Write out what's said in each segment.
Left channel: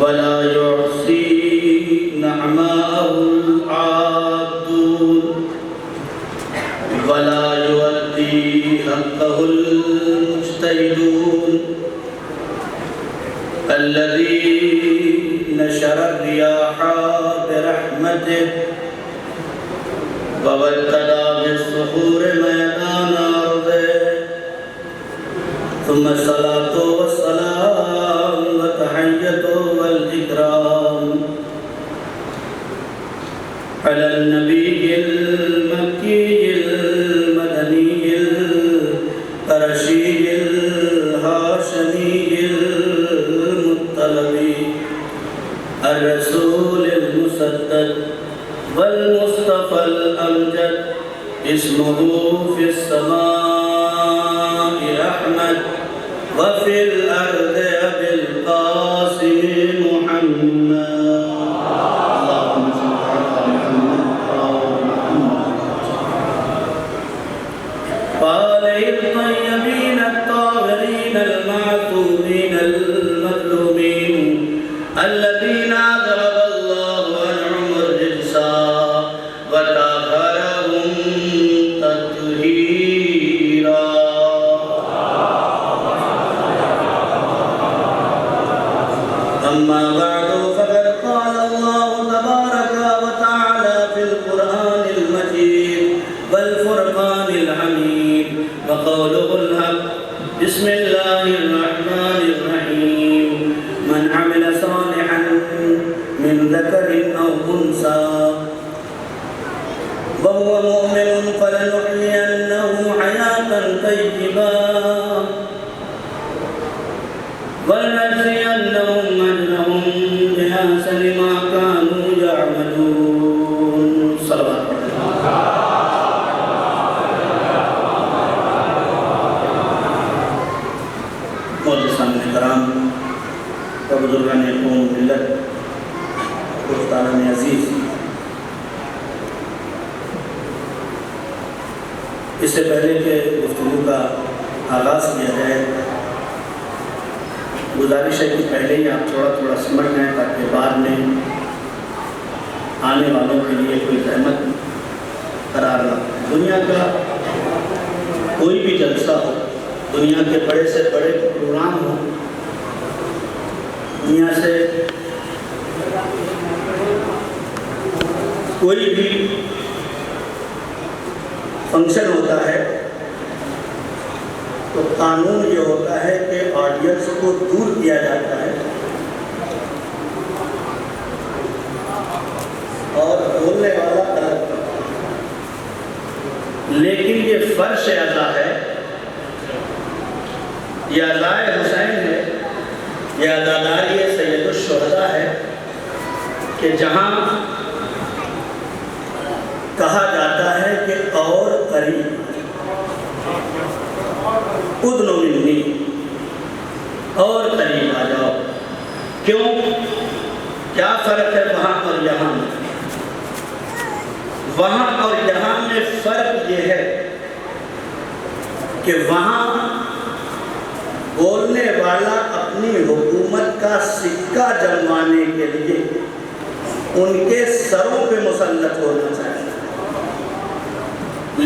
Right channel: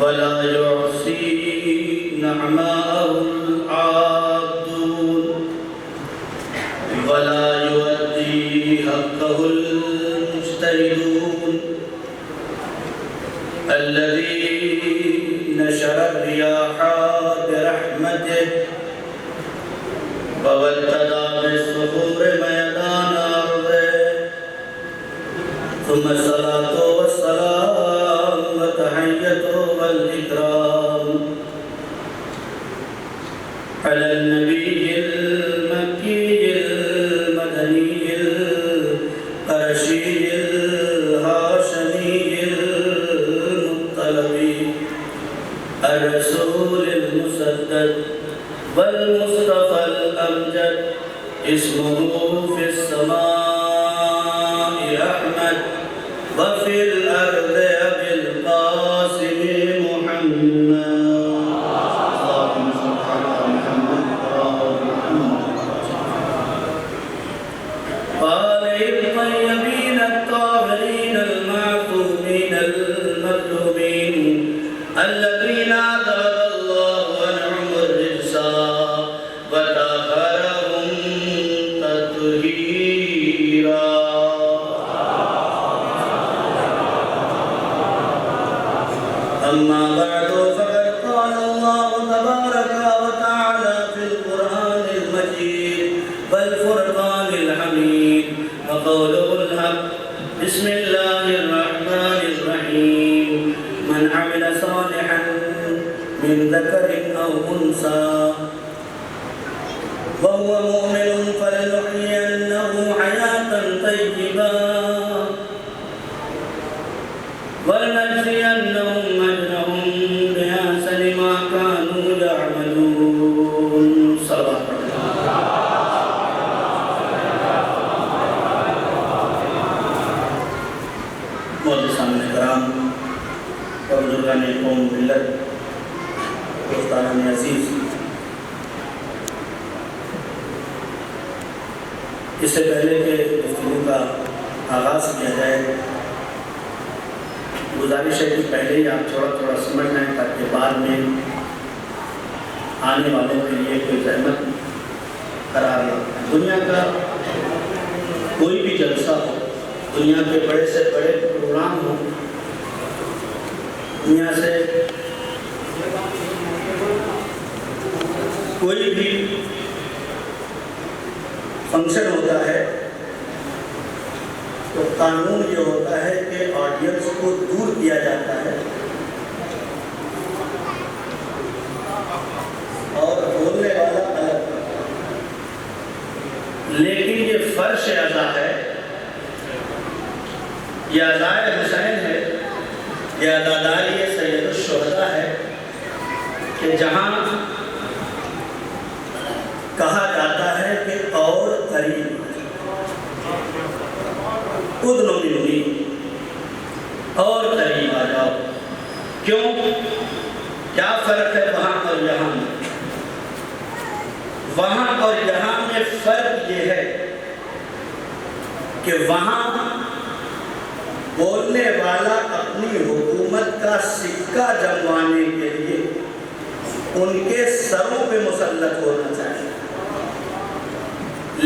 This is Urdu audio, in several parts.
ولا يحصي نعماءه العابدون ولا يؤدي حقه المجتهدون الذي نشر الرياح برحمته وابتدى بالصخور ميدان أرضه ثم الصلاة والسلام والتحية والإكرام على النبي المكي المدني القرشي الهاشمي المطلبي الرسول المسدد والمصطفى الأمجد اسمه في السماء أحمد وفي الأرض أبي القاسم محمد اللهم صل على محمد وآله الطيبين الطاهرين المعصومين المظلومين الذين أذهب الله عنهم الرجس وطهرهم تطهيرا. أما بعد فقد قال الله تبارك وتعالى في القرآن المجيد والفرقان الحميد وقوله الحق بسم الله الرحمن الرحيم من عمل صالحا من ذكر أو أنثى وهو مؤمن فلنحيينه حياة طيبة ولنجزينهم أجرهم بأحسن ما كانوا يعملون. صلوات معززان کرام اور بزرگان قوم ملت دوستان عزیز، اس سے پہلے کہ گفتگو کا آغاز کیا جائے گزارش ہے کہ پہلے ہی آپ تھوڑا سمجھ لیں تاکہ بعد میں آنے والوں کے لیے کوئی زحمت قرار نہ ہو. دنیا کا کوئی بھی جلسہ ہو، دنیا کے بڑے سے بڑے پروگرام ہو، دنیا سے کوئی بھی فنکشن ہوتا ہے تو قانون یہ ہوتا ہے کہ آڈینس کو دور کیا جاتا ہے اور بولنے والا الگ. لیکن یہ فرش اعضا ہے، یہ عزائے حسین ہے، یہ عزاداری سید الشہداء ہے کہ جہاں کہا جاتا ہے کہ اور قریب ادنو منی، اور قریب آ جاؤ. کیوں؟ کیا فرق ہے وہاں اور یہاں میں؟ وہاں اور یہاں میں فرق یہ ہے کہ وہاں بولنے والا اپنی حکومت کا سکہ جموانے کے لیے ان کے سروں پہ مسلط ہونا چاہیے،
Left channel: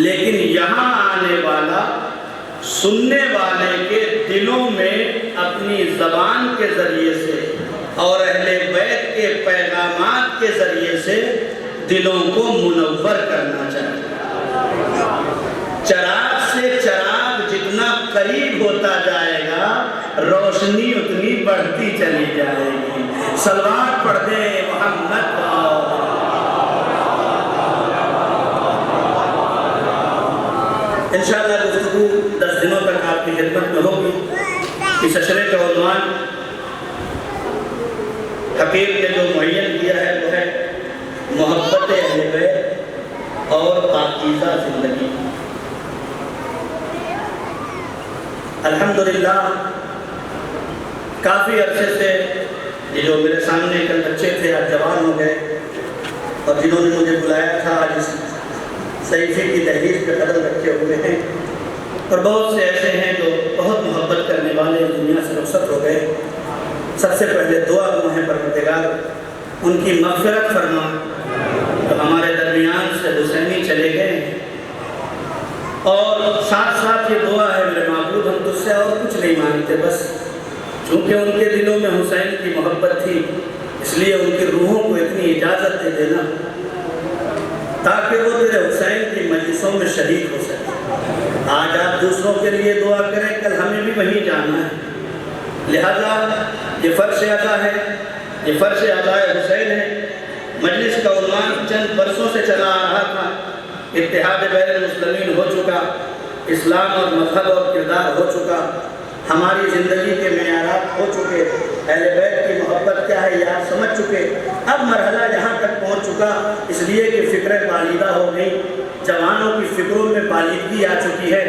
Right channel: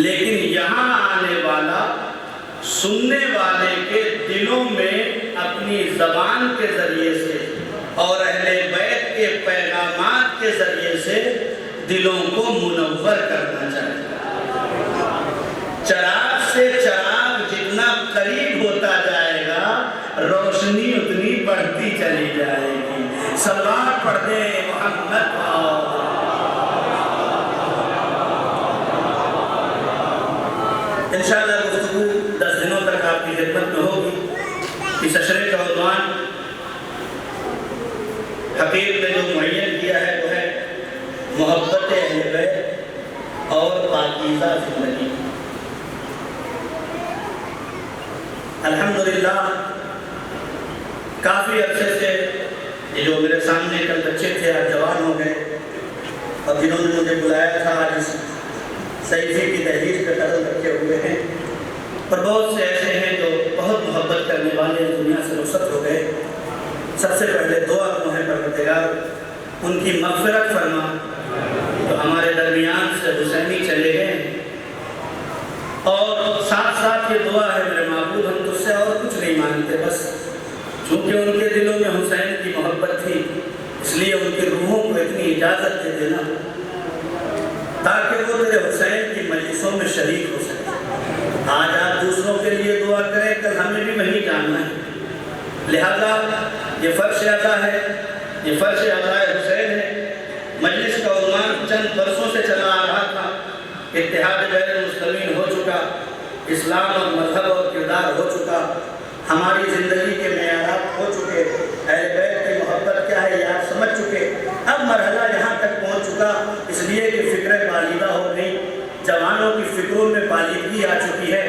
لیکن یہاں آنے والا سننے والے کے دلوں میں اپنی زبان کے ذریعے سے اور اہل بیت کے پیغامات کے ذریعے سے دلوں کو منور کرنا چاہیے. چراغ سے چراغ جتنا قریب ہوتا جائے گا روشنی اتنی بڑھتی چلی جائے گی. صلوات پڑھ دیں محمد. انشاءاللہ گفتگو 10 دنوں تک آپ کی خدمت میں ہوگی. اس اشرے کا عنوان حقیق نے جو معین کیا ہے وہ ہے محبت اہل بیت اور پاکیزہ زندگی. الحمدللہ کافی عرصے سے یہ جو میرے سامنے کل بچے تھے آج جوان ہو گئے اور جنہوں نے مجھے بلایا تھا آج اس صحیفے کی تحریر پہ قدم رکھے ہوئے ہیں، اور بہت سے ایسے ہیں جو بہت محبت کرنے والے سب سے پہلے دعا ہے پروردگار ان کی مغفرت فرما، تو ہمارے درمیان سے حسینی چلے گئے، اور ساتھ ساتھ یہ دعا ہے میرے معبود ہم تجھ سے اور کچھ نہیں مانگتے، بس چونکہ ان کے دلوں میں حسین کی محبت تھی اس لیے ان کی روحوں کو اتنی اجازت دے دینا تاکہ وہ تیرے حسین کی مجلسوں میں شریک ہو سکے۔ آج آپ دوسروں کے لیے دعا کریں، کل ہمیں بھی وہیں جانا ہے، لہذا یہ فرش ادا ہے، یہ فرش ادا حسین ہے۔ مجلس کا عنوان چند برسوں سے چلا آ رہا تھا، اتحاد بین المسلمین ہو چکا، اسلام اور مذہب اور کردار ہو چکا، ہماری زندگی کے معیارات ہو چکے، اہل بیت کی محبت کیا ہے یہ آپ سمجھ چکے۔ اب مرحلہ یہاں تک پہنچ چکا اس لیے کہ فکریں بالیدہ ہو گئی، جوانوں کی فکروں میں بالیدگی آ چکی ہے،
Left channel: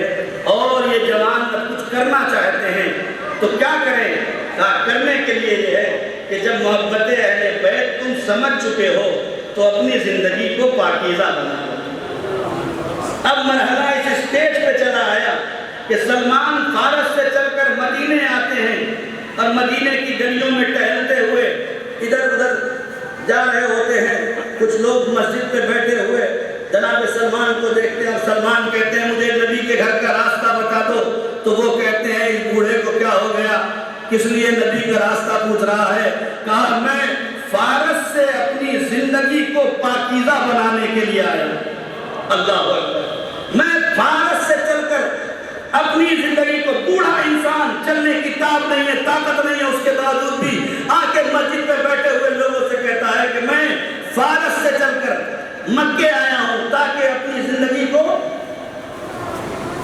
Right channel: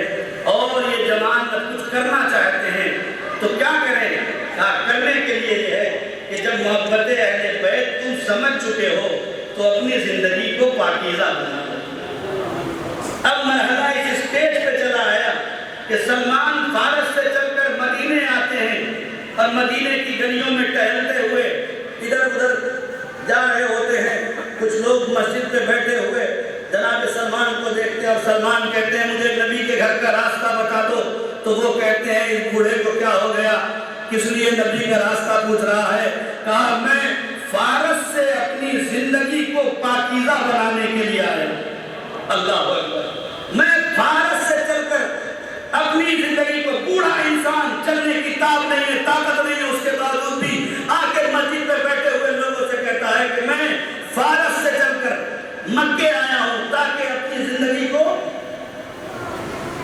اور یہ جوان اب کچھ کرنا چاہتے ہیں تو کیا کریں؟ کرنے کے لیے یہ ہے کہ جب محبت اہل بیت تم سمجھ چکے ہو تو اپنی زندگی کو پاکیزہ بنا لو۔ اب مرحلہ اس اسٹیج پہ چلا آیا کہ سلمان فارس سے چل کر مدینے آتے ہیں، اور مدینے کی گلیوں میں ٹہلتے ہوئے ادھر ادھر جا رہے ہوتے ہیں، کچھ لوگ مسجد پہ بیٹھے ہوئے جناب سلمان کو دیکھتے ہیں، اور سلمان کہتے ہیں مجھے نبی کے گھر کا راستہ بتا دو، تو وہ کہتے ہیں اس بوڑھے کو کیا ہو گیا، کس لیے نبی کا راستہ پوچھ رہا ہے؟ کہا میں فارس سے اپنی زندگی کو پاکیزہ بنانے کے لیے آیا ہوں۔ اللہ اکبر، میں فارس سے چل کر اپنی زندگی کو، بوڑھا انسان چلنے کی طاقت نہیں ہے، طاقت نہیں ہے، اس کے باوجود بھی آ کے مسجد پہ بیٹھے ہوئے لوگوں سے کہتا ہے کہ میں فارس سے چل کر مکے آیا ہوں تاکہ اپنی زندگی کو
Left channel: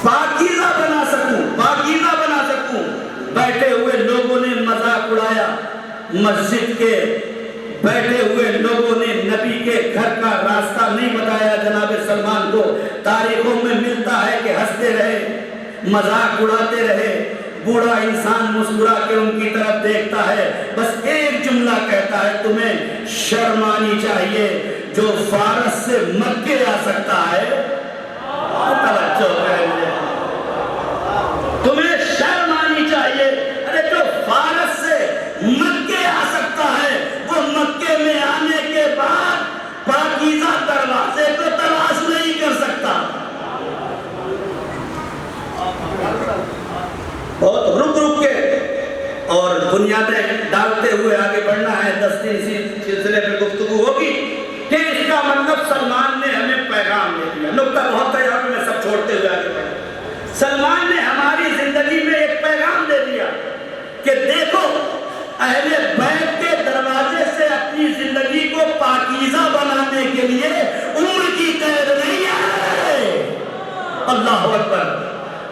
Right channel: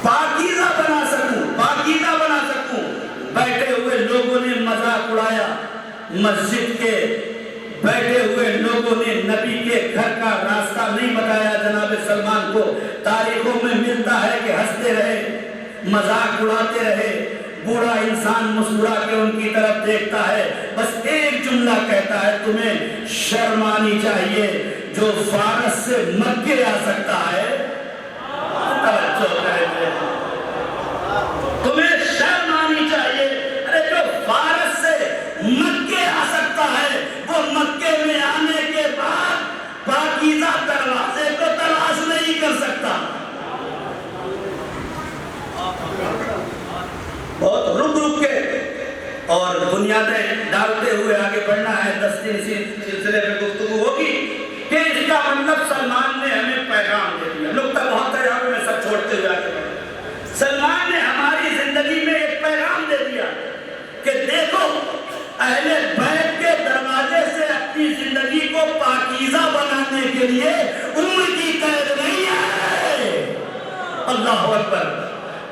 پاکیزہ بنا سکوں، پاکیزہ بنا سکوں۔ بیٹھے ہوئے لوگوں نے مذاق اڑایا مسجد کے، بیٹھے ہوئے لوگوں نے نبی کے گھر کا راستہ نہیں بتایا جناب سلمان کو۔ تاریخوں میں ملتا ہے کہ ہنستے رہے، مذاق اڑاتے رہے، بوڑھا انسان مسکرا کے ان کی طرف دیکھتا ہے، بس ایک جملہ کہتا ہے تمہیں شرم آنی چاہیے، جو فارس سے مکے آ سکتا ہے، تمہیں شرم آنی چاہیے، ارے جو فارس سے مکے آ سکتا ہے وہ مکے میں آنے کے بعد پاکیزہ دروازے کو تلاش نہیں کر سکتا۔ بہت رک رک کے اور بنیادیں ڈالتے ہوئے آگے بڑھنا ہے، 10 دن اسی سلسلے میں گفتگو ہوگی کہ اس کا مطلب سلمان نے ہمیں پیغام دے دیا۔ نقطہ بہت ہے، یہاں پہ میں سب چھوڑتے ہوئے آگے بڑھا۔ سلمان نے ہماری زندگی میں ایک پیغام دے دیا کہ دیکھو اہل بیت کے دروازے سے اپنی زندگی کو پاکیزہ بنانے کے لیے عمر کی قید نہیں ہے۔ اللہ اکبر،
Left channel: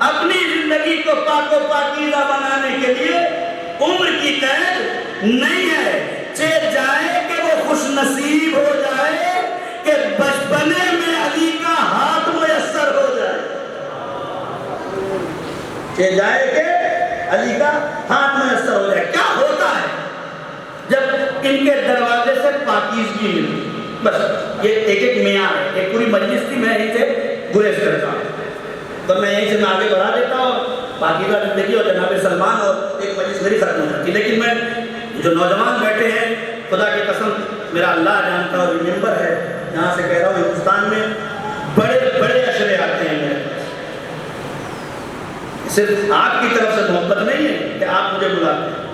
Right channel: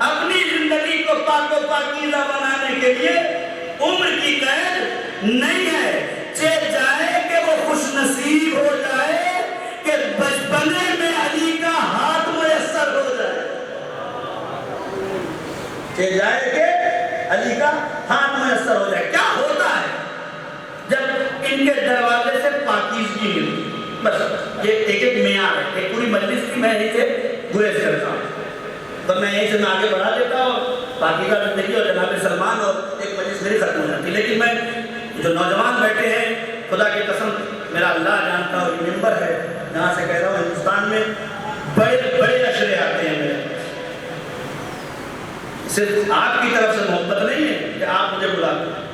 اپنی زندگی کو پاک و پاکیزہ بنانے کے لیے عمر کی قید نہیں ہے۔ چاہے جائے کہ وہ خوش نصیب ہو جائے کہ بچپنے میں علی کا ہاتھ میسر ہو جائے، چاہے جائے کہ علی کا ہاتھ میسر ہو جائے۔ کیا ہوتا ہے جب ان کے دروازے سے پاکیزگی ملتی؟ بس یہ ایک ایک معیار ہے، ایک پوری مجلس کی میں یہیں سے گریز کرتا ہوں، تو میں یہیں سے آگے بڑھا دیتا ہوں پاکیزہ زندگی اور جناب سلمان، اور ایک مجلس میری ختم ہو جاتی۔ لیکن میں جو نوجوان بیٹھے ہیں، خدا کی قسم میرا اللہ جانتا اور ممبر ہے، یہاں سے کہہ رہا ہوں ہندوستان میں بڑے بڑے اشرے آتے ہیں میرے پاس، صرف آپ کی طرف سے محبت نہیں ہے کہ آپ مجھے بلاتے ہیں،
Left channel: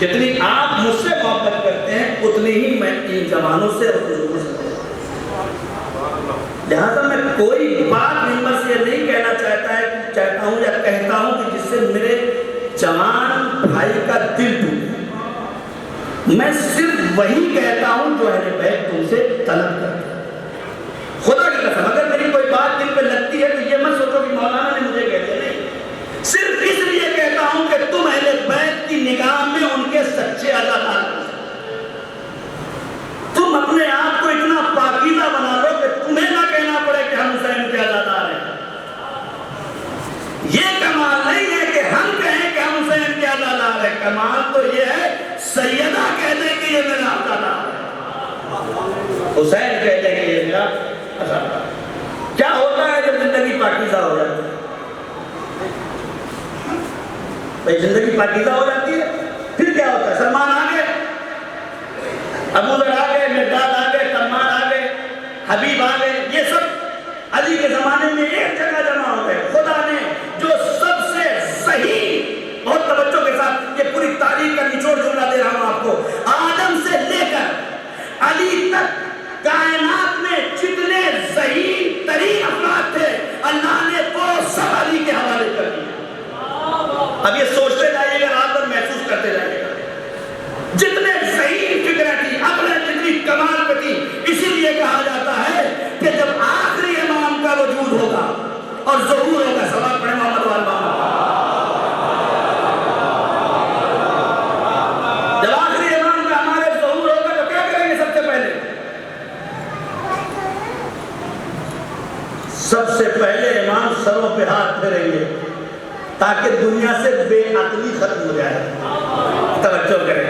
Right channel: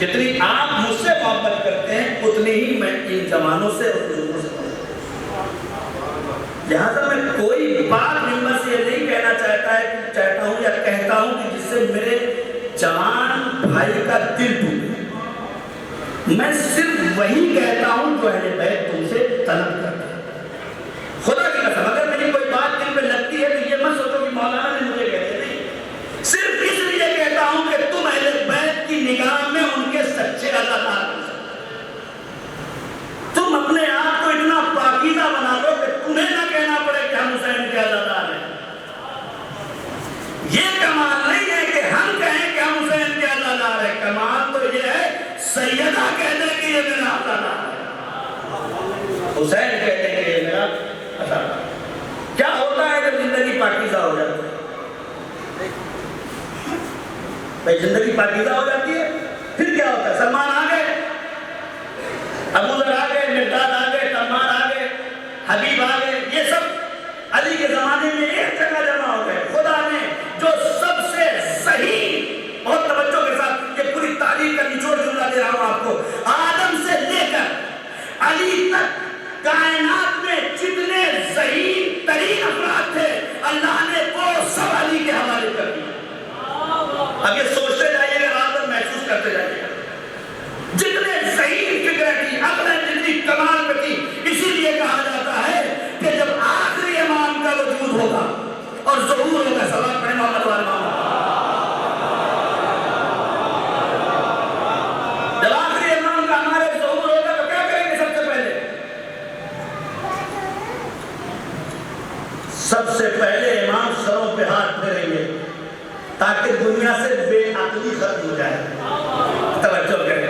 جتنی آپ مجھ سے محبت کرتے ہیں اتنی ہی میں ان زمانوں سے اور بزرگوں سے محبت کرتا ہوں۔ لہٰذا میں کوئی بات ممبر سے یہ نہیں کہنا چاہتا ہوں یا کہتا ہوں کہ جس سے میرے جوان بھائی کا دل ٹوٹے، میں صرف وہی کہتا ہوں جو اہل بیت تم سے طلب کرتا ہے۔ خدا کی قسم اگر میری کوئی بات دل پہ لگتی ہے تو یہ مت سوچو کہ مولانا نے مجھے کہہ دیا، نہیں، صرف اس لیے کہتا ہوں کہ تم اہل بیت کی نگاہ میں ان کے سچے عزادار ہو، تم اپنے آپ کو اتنا پاکیزہ بنا لو کہ تمہیں نہ کہنا پڑے کہ ہم حسین کے عزادار ہیں۔ یہ کمال نہیں ہے کہ ہم کہیں کہ ہم حسین کے عزادار ہیں، کمال تو یہ ہے سیدہ کہتے کہ یہ میرا عزادار ہے، حسین کہتے کہ یہ میرا عزادار ہے۔ کیا ہوتا ہے جب زندگی پاکیزہ ہو جاتی ہے؟ بھائی زندگی پاکیزہ ہو جاتی ہے پھر کیا ہوتا ہے؟ سلمان آ گئے، ابو ذر آ گئے، مقداد آ گئے، تمار آ گئے، حبیب آ گئے، یہ سب علی کے زمانے میں ایک جگہ جمع ہو گئے. خدا نے جو سب سے صحیح، بہت توجہ کے ساتھ یہ پوری تاریخ کا نچوڑ جملہ دے رہا ہوں آپ کو، آدم سے لے کر علی تک کائنات میں جتنے صحیح ترین افراد تھے اللہ نے وہ سب علی کے حوالے کر دیا. اب یہ سوچتے جائیے گا، رات بھر محسوس کرتے جائیے گا، جتنے صحیح فکریں تھی، عقلیں جتنی کمال پہ تھی. اسی لیے کہا جاتا ہے کہ جب آخری امام کا وجود ہوگا اور ظہور ہوگا، سوال پڑھیں محمد والبا، جب آخری امام کا ہمارے ظہور ہوگا تو کیا کریں گے؟ سب سے پہلے امام سروں پہ ہاتھ پھیریں گے تاکہ دنیا سے بے عقلی ختم ہو جائے. توجہ کریں،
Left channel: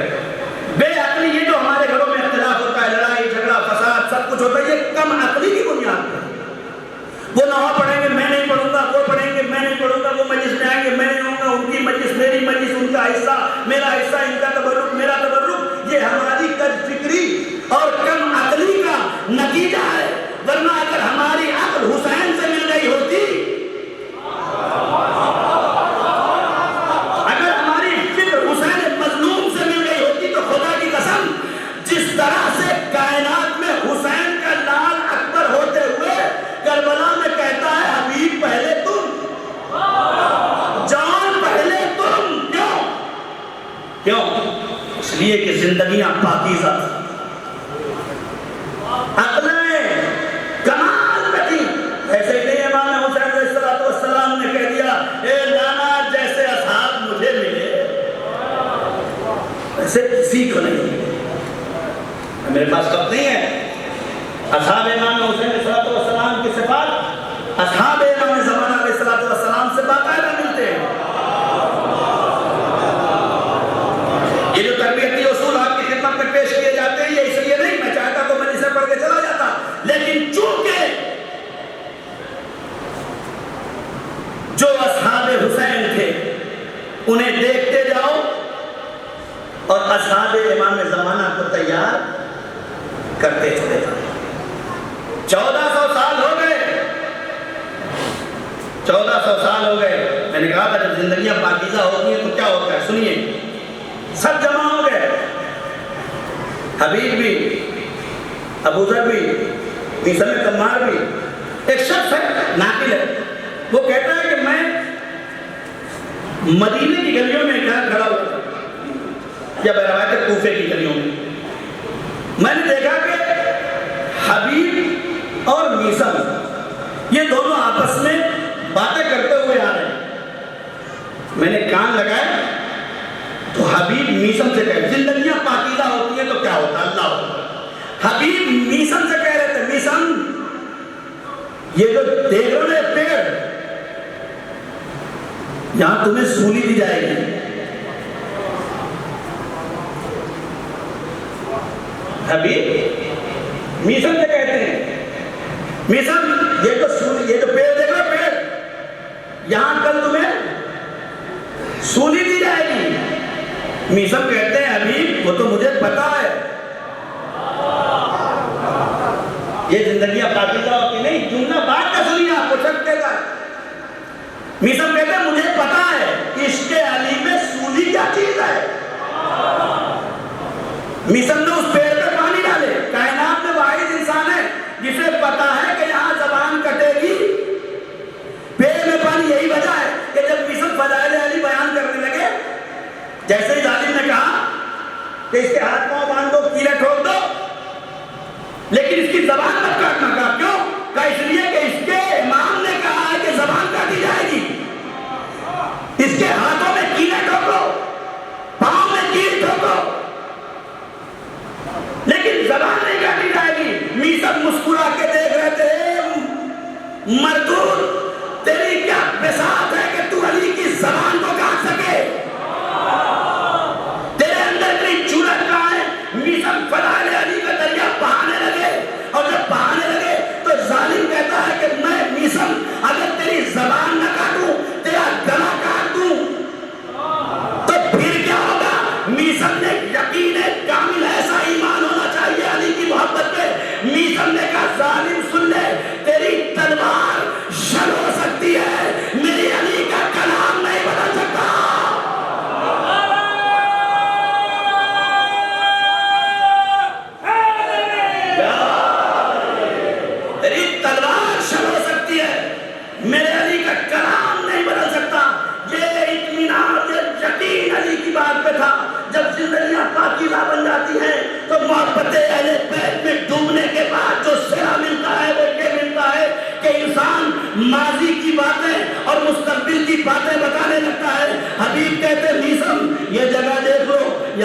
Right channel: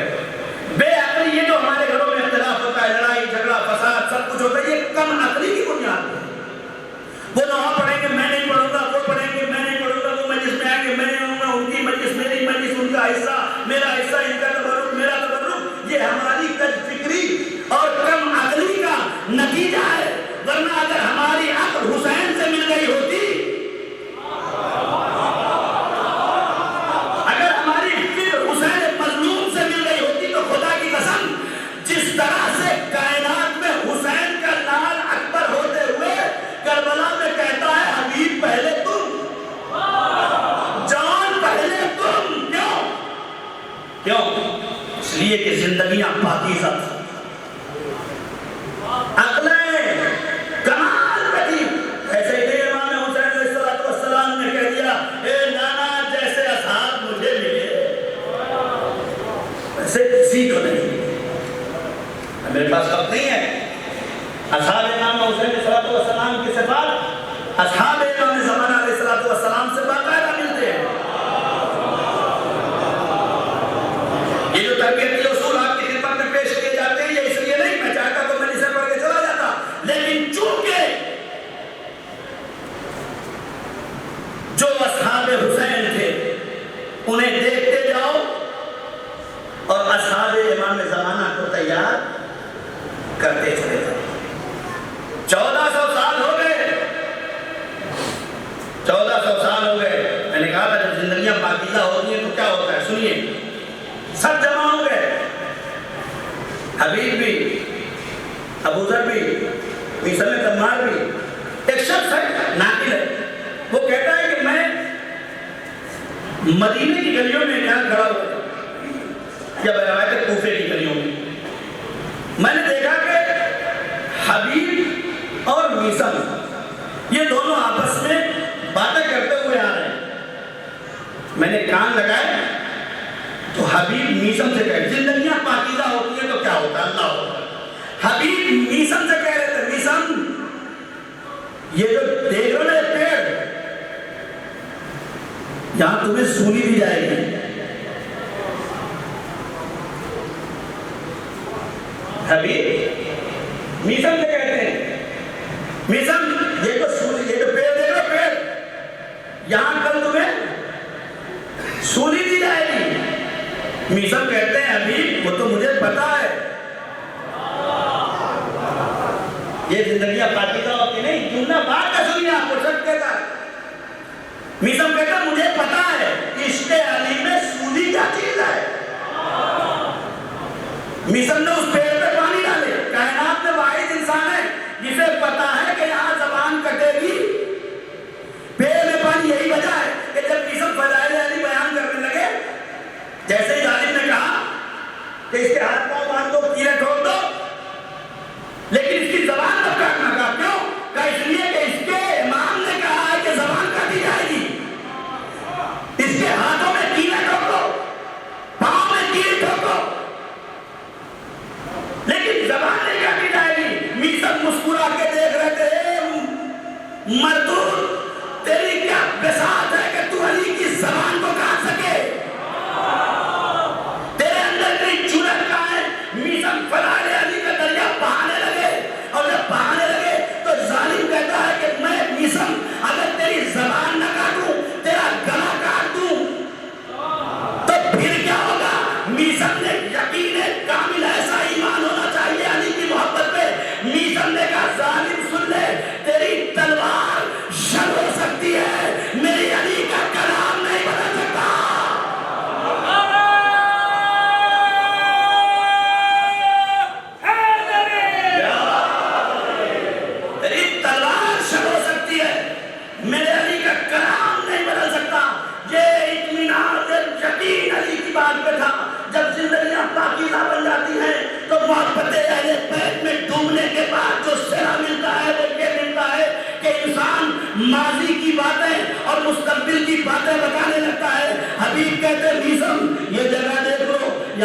بے عقلی یہ جو ہمارے گھروں میں اختلاف ہوتا ہے، لڑائی جھگڑا فساد سب کچھ ہوتا ہے، یہ کم عقلی کی بنیاد پر. وہ نہ پڑھیں گے میں نہیں پڑھوں گا، وہ پڑھیں گے میں نہیں پڑھوں گا، وہ مجلس میں آئیں گے میں نہیں ہوں گا، ان کی مجلس میری مجلس، ان کا حصہ میرا حصہ، ان کا تبرک میرا تبرک. یہ ہماری کج فکری اور کم عقلی کا نتیجہ ہے. ورنہ اگر ہماری عقل حسین سے مل گئی ہوتی، اگر ہماری فکر حسین مظلوم سے مل گئی ہوتی، تو خدا کی قسم جس طرح سے کائنات میں حسین کا لال اکبر ہوتے ہوئے کربلا میں کہتا ہے حبیب پہلے تم، جان پہلے تم. کیوں؟ اس لیے کہ زندگیاں پاکیزہ تھیں، عقلیں کمال پہ تھی. ایسے ہی امام حسین علیہ السلام نے کہہ دیا، اے نانا جیسے اصحاب مجھے ملے ایسے کسی کو نہیں. میرے پاس وقت نہیں ہے. اصحاب امام حسین علیہ السلام کی صفات اصحاب امام زمانہ علیہ السلام سے باقاعدہ ملتے ہیں. یہ جو تربیتی اصول آپ کی خدمت میں پیش کیے جاتے ہیں، یہ اس لیے نہیں، میں چاہتا تو میں اسے پڑھ کے چلا جاتا، لیکن چونکہ جو اصحاب حسین تھے انہیں دیکھتے جاؤ اور اصحاب امام زمانہ کو تیار کرتے چلے جاؤ. 1400 سال ہو گئے، 1400 سال ہو گئے. میں نے کہا تھا جب زندگیاں پاکیزہ ہوتی ہیں تو کیا ہوتا ہے، سنیے. سب جمع ہو گئے، حبیب بھی، ابو ذر بھی، عیسیٰ بن تمار بھی. ایک شخص ہے ناقل ہے، وہ کہتا ہے کہ میں مدینے کی گلیوں میں کھڑا ہوا تھا، یا بروایت کوفے کی گلیوں میں نے دیکھا کہ حبیب اور میثم یہ دونوں آپس میں باتیں کرتے ہوئے آ رہے ہیں. میں نے کان لگائے تو حبیب میثم سے کہے، زندگیاں پاکیزہ ہوتی ہیں تو کیا ہوتا ہے، اللہ ہوتا ہے. حبیب میثم سے کہہ رہے تھے، میثم یہ جو دیکھ رہے پیڑ، یہاں تمہیں سولی دی جائے گی. حبیب میثم سے کہتے ہیں، میثم یہ جو پیڑ دیکھ رہے پیڑ، یہاں کل تمہیں سولی دی جائے گی. میثم کہتے ہیں حبیب وہ تو مجھے پتا ہے، یہ زندگیاں پاکیزہ ہوتی نہیں. جملہ بات کا سنیے، آپ کو سکتے گا. میثم کہتے ہیں مجھے پتا ہے عشق علی میں سولی کیا چیز ہے. میثم نے اس پیڑ پہ پانی ڈالے. کائنات میں واحد انسان ہے جسے پتا ہے کہ یہاں زبان کٹے گی، پیڑ میں پانی. یہی وجہ ہے کہ جب میثم فضائل علی بیان کرنے لگے، جیسے ہی ظالم نے کہا کہ اس کے ہاتھ پاؤں باندھ دو، کیلیں ٹھوک دو، لیکن اس کی زبان مت کاٹنا. کہا کیوں؟ کہا اس لیے کہ اس کے امام نے کہا ہے کہ زبان کاٹی جائے گی. اس کے ہاتھوں میں کیلیں ٹھوکو، پاؤں میں کیل ٹھوکو، لیکن زبان نہیں کاٹی جائے گی. میثم مسکرا کے دیکھ رہے تھے، مردود تیری کیا بساط ہے کہ تو علی کی زبان کو کاٹ سکے، تیرے اندر کی چولت کہاں ہے. میثم فضائل علی کا دریا بہانے لگے، اور جب بہانے لگے تو ظالم کہتا ہے کہ میں میثم اگر تیری زبان نہ کاٹوں، تیرا گلا کاٹ دوں تو پھر کیا ہوگا.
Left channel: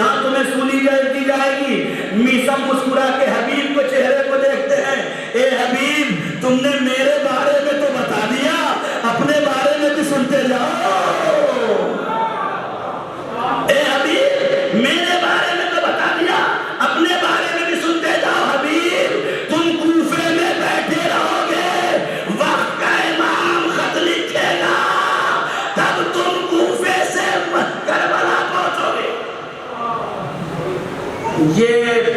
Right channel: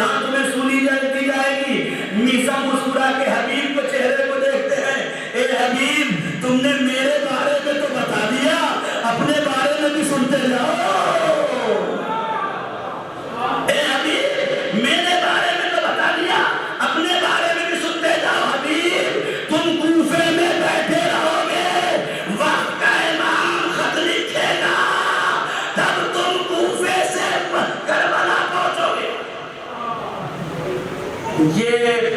یہاں تمہیں سنی دی جائے گی۔ میسا مسکرا کے حبیب کو چہرے کو دیکھتے ہیں، اے حبیب تم نے میرے بارے میں تو بتا دیا، اپنے بارے میں بھی سنتے جاؤ۔ اے حبیب میرے بارے میں تو بتا دیا، اپنے بارے میں بھی سنتے جاؤ۔ حبیب تم کوفے میں بیٹھے رہو گے، وقت کا امام خط لکھے گا، تب تم کوفے سے کربلا پہنچو گے۔ یہ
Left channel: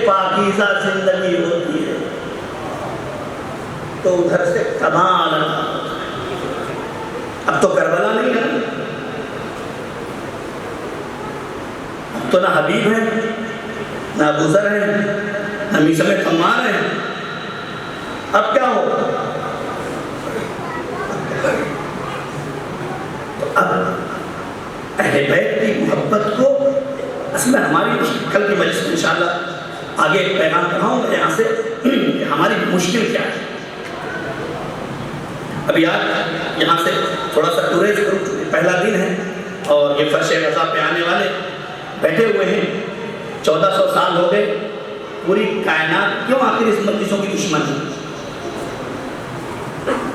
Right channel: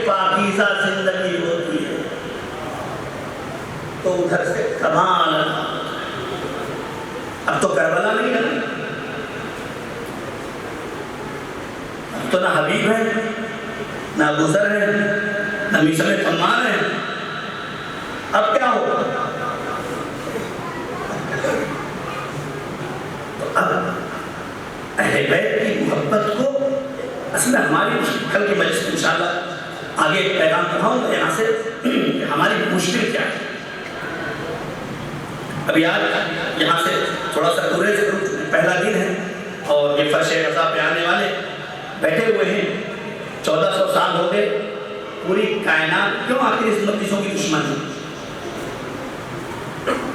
پاکیزہ زندگی ہوتی ہے تو ادھر سے کمال۔ اب تو کربلا نہیں ہے، اب تو نہ حبیب ہے، نہ ابو ذر ہے، نہ میثم تمار ہے۔ اب کیا ہو؟ تو اب اہل بیت کی محبت کو اصل میں ہماری کل کی مجلس میں انشاءاللہ آگے ایک پیغام کہاؤں گا یہاں سے کہ ہماری مشکل کیا ہے۔ ابھی آج یہاں سے تھوڑا سا گریز کروں، پہلا دن ہے اور یہ فرش رضا پہ آنے والے بیٹھے ہوئے ہیں، 1400 سال ہو گئے، پوری کائنات کیوں آخر اس مجلسوں کی دشمن ہے؟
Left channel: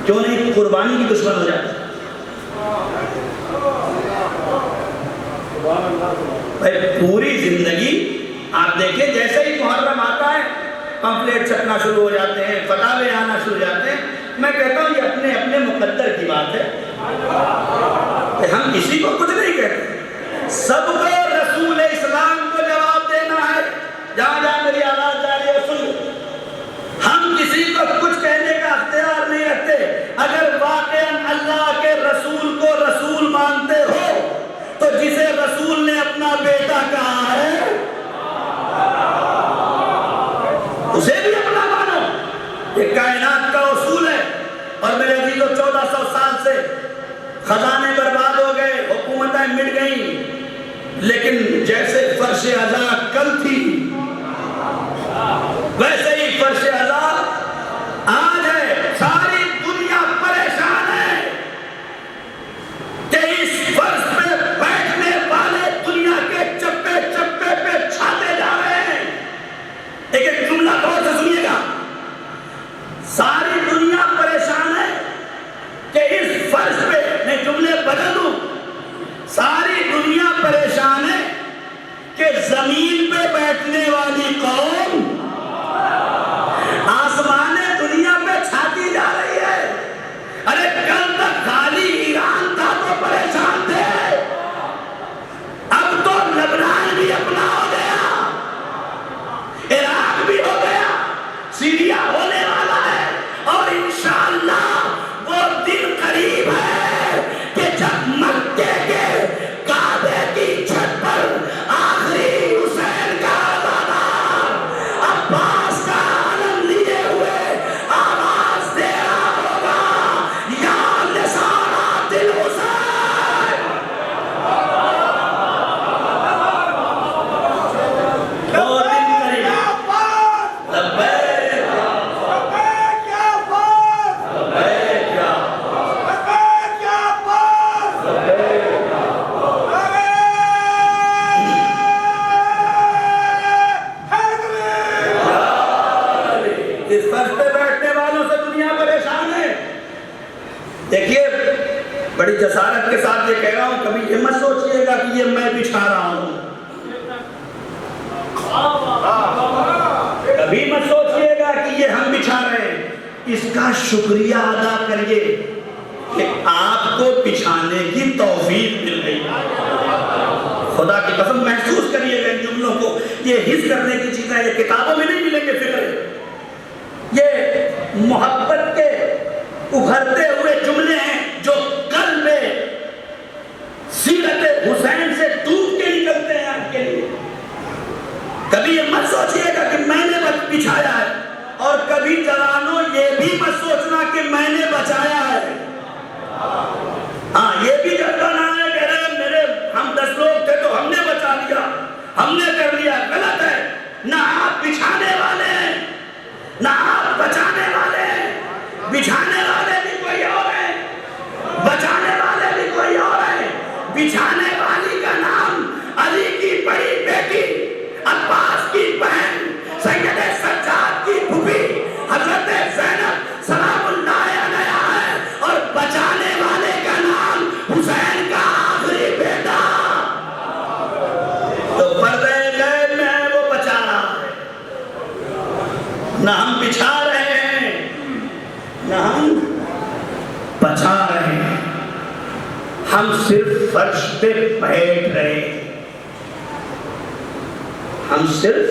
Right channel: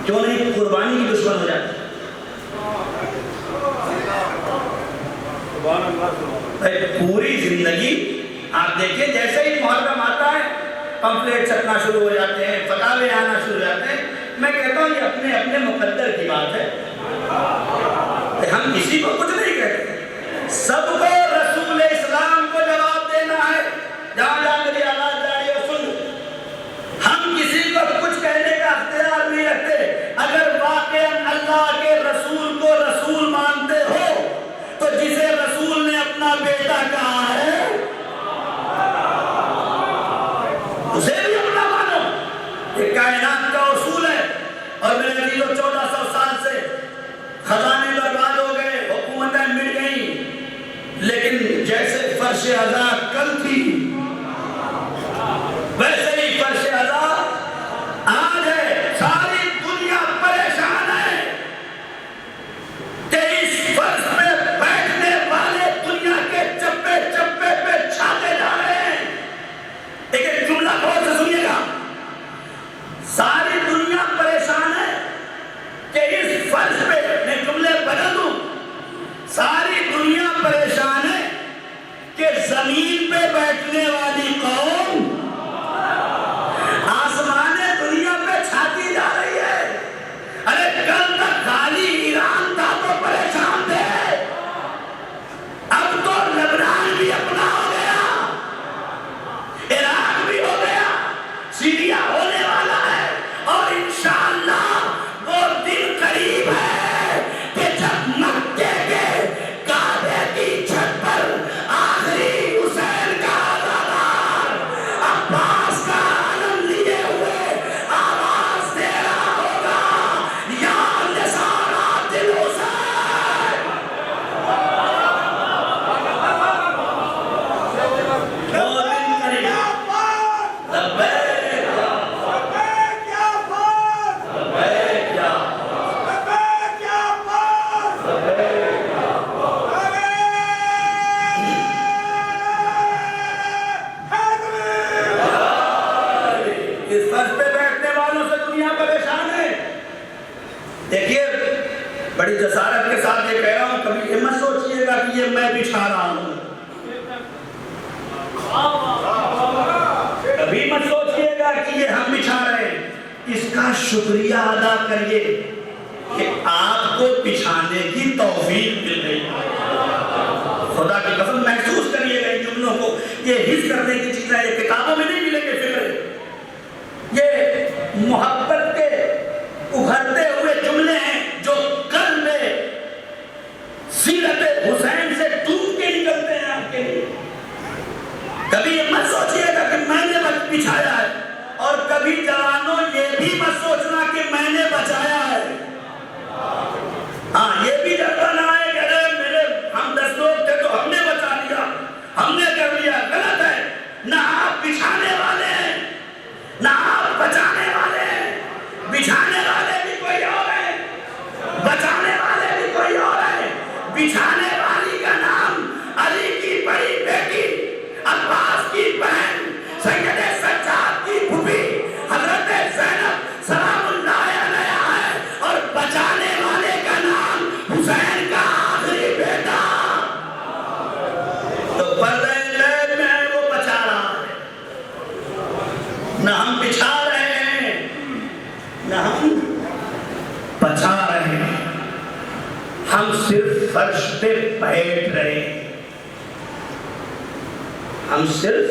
کیوں نہیں قربانی کی دشمن ہو جاتی؟ پوری زندگی آپ دیکھیں، جیسے ہی محرم آتا ہے پمفلیٹ چھپنا شروع ہو جاتے ہیں، فتاوے آنا شروع ہو جاتے ہیں۔ میں کہتا ہوں یہ اپنے اپنے مقدر کی بات ہے، ہم کسی کو کچھ نہیں کہتے، سب کو رسول اسلام کو جواب دینا ہے۔ جہاں جہاں میری آواز جا رہی ہے سن، ہم کسی کو کچھ کہنے کا اختیار نہیں رکھتے۔ اگر واقعاً اللہ کے رسول کو رسول مانتے ہو تو جسے رسول نے اپنا بیٹا کہا ہے اسے بھی اپنا مانو۔ یہ کائنات کا اصول ہے۔ اور میرے عزیزو 1400 سال سے خزانے برباد ہو گئے، حکومتیں مٹ گئیں، لیکن جیسے فرش عزا کل تھی ویسے ہی فرش عزا آج ہے۔ ساری دنیا پریشان ہے کہ اس فرش پہ بیٹھنے والے دنیا کے چپے چپے پہ چھاتے جا رہے ہیں۔ ایک ایک جملہ غور سے سنیے گا، ساری دنیا پریشان ہے کہ اس فرش پہ، میں جملے بدل دوں، ساری دنیا پریشان ہے کہ زمین پہ بیٹھنے والی قوم آسمان دنیا پہ چھاتی جا رہی ہے۔ ارے کل تک خالی ایران تھا تو پریشان تھے، اب تو لبنان بھی اپنا ہو گیا، عراق بھی ہو گیا، سیریا ہونے والا ہے، اور انشاءاللہ وہ دن قریب ہے کہ جب مکے کے کعبے کی چھت پر آخری حسین کا عزادار عباس کا عالم لیے ہوئے آواز دے رہا ہوگا، یا نثارات الحسین۔ وہ دن قریب، لبیک اس فرش پہ بیٹھنے والوں سے دنیا پریشان ہے۔ دیکھیے بڑی جسارت کے ساتھ یہ کہہ رہا ہوں، کبھی یہ مت سوچئے گا کہ یہ میں بچھا رہا ہوں، کبھی مت سوچئے گا کہ یہ ہم بچھا رہے ہیں۔ اس کا شکریہ ادا کریے کہ آپ کو بچھانے کی توفیق مل گئی۔ خدا کی قسم محسوس کریے گا ان جملوں کو، یہ حس کرنے کی چیزیں یہ کتابوں میں نہیں ملیں گے، فکر یہ محبت کے ابھرتے ہوئے جملے ہیں جو قلب میں سیرت حسین سے ڈوب کے نکلتے ہیں آپ کے لیے۔ کبھی یہ مت سوچئے گا کہ میں نے بچھایا ہے، اور کبھی جوانوں یہ بھی مت سوچنا کہ میں نے بچایا ہے۔ ہاں یہ بھی جذبہ نہ آئے کہ میرے ہم 10 لوگ تھے تو ہم نے بچا لیا، ہم نے کر لیا، غلط ہے۔ نہ آپ بچھانے والے ہیں نہ آپ بچانے والے ہیں، بچھانے والے بھی کوئی اور ہیں، بچانے والے بھی کوئی اور ہیں۔ بچھانے والی کا نام علی کی بڑی بیٹی فرش پہ بیٹھ رہے ہیں، ہم صرف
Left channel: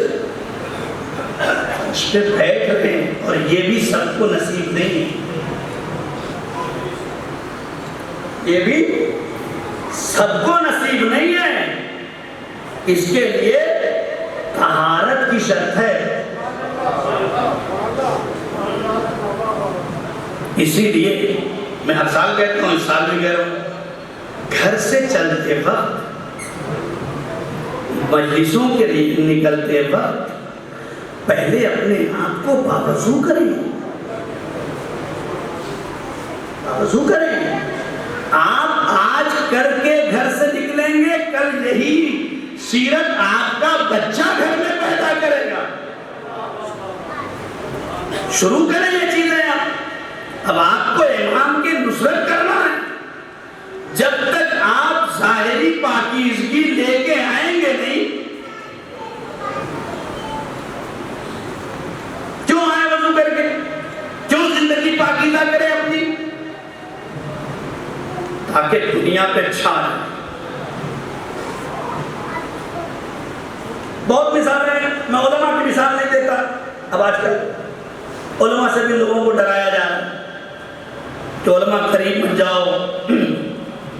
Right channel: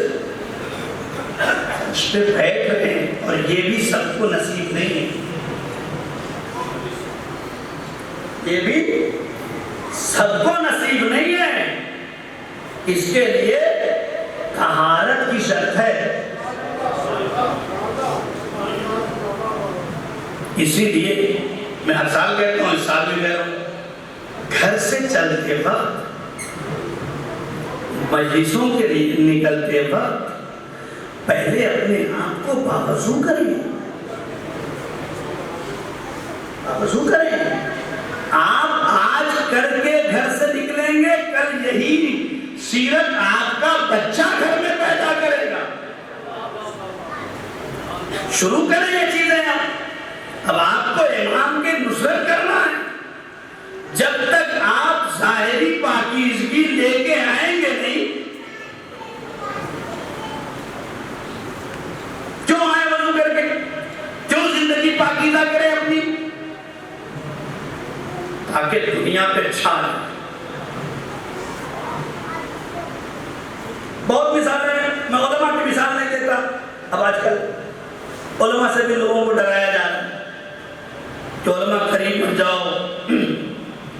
فرش پہ بیٹھ رہے ہیں، اور یہ بھی سب کو نصیب نہیں ہے، یہ بھی سب کو نصیب نہیں ہے۔ اس کے لیے طہارت کی شرط ہے۔ اسی لیے میں ہر سال کہتا ہوں، اس سال بھی کہہ رہا ہوں، گھر سے چلتے وقت، مجلسوں کے لیے نکلتے وقت پہلے اپنے آپ کو باوضو کریں، باوضو کریں۔ آپ آج کر کے گھر سے نکلیں گے، کل یہی سیرت آپ کا بچہ گھر میں پیدا کرے گا۔ شروع کریں یہ چیزیں آپ۔ اب آپ کو امام کی نصرت کرنا ہے، جب تک آپ ظاہری پاکیزگی لے کے آئیں گے نہیں، کیوں آئے وضو کر کے، کیوں زندگی پاکیزہ کرے اپنی، تاکہ دنیا پہ چھا جائے۔ بہت مثالیں ہیں، میں علماء کی مثال نہیں دیتا۔ اب آج کل علماء سے بھی لوگوں کو ڈرایا جا رہا ہے کہ علماء قریب مت جاؤ،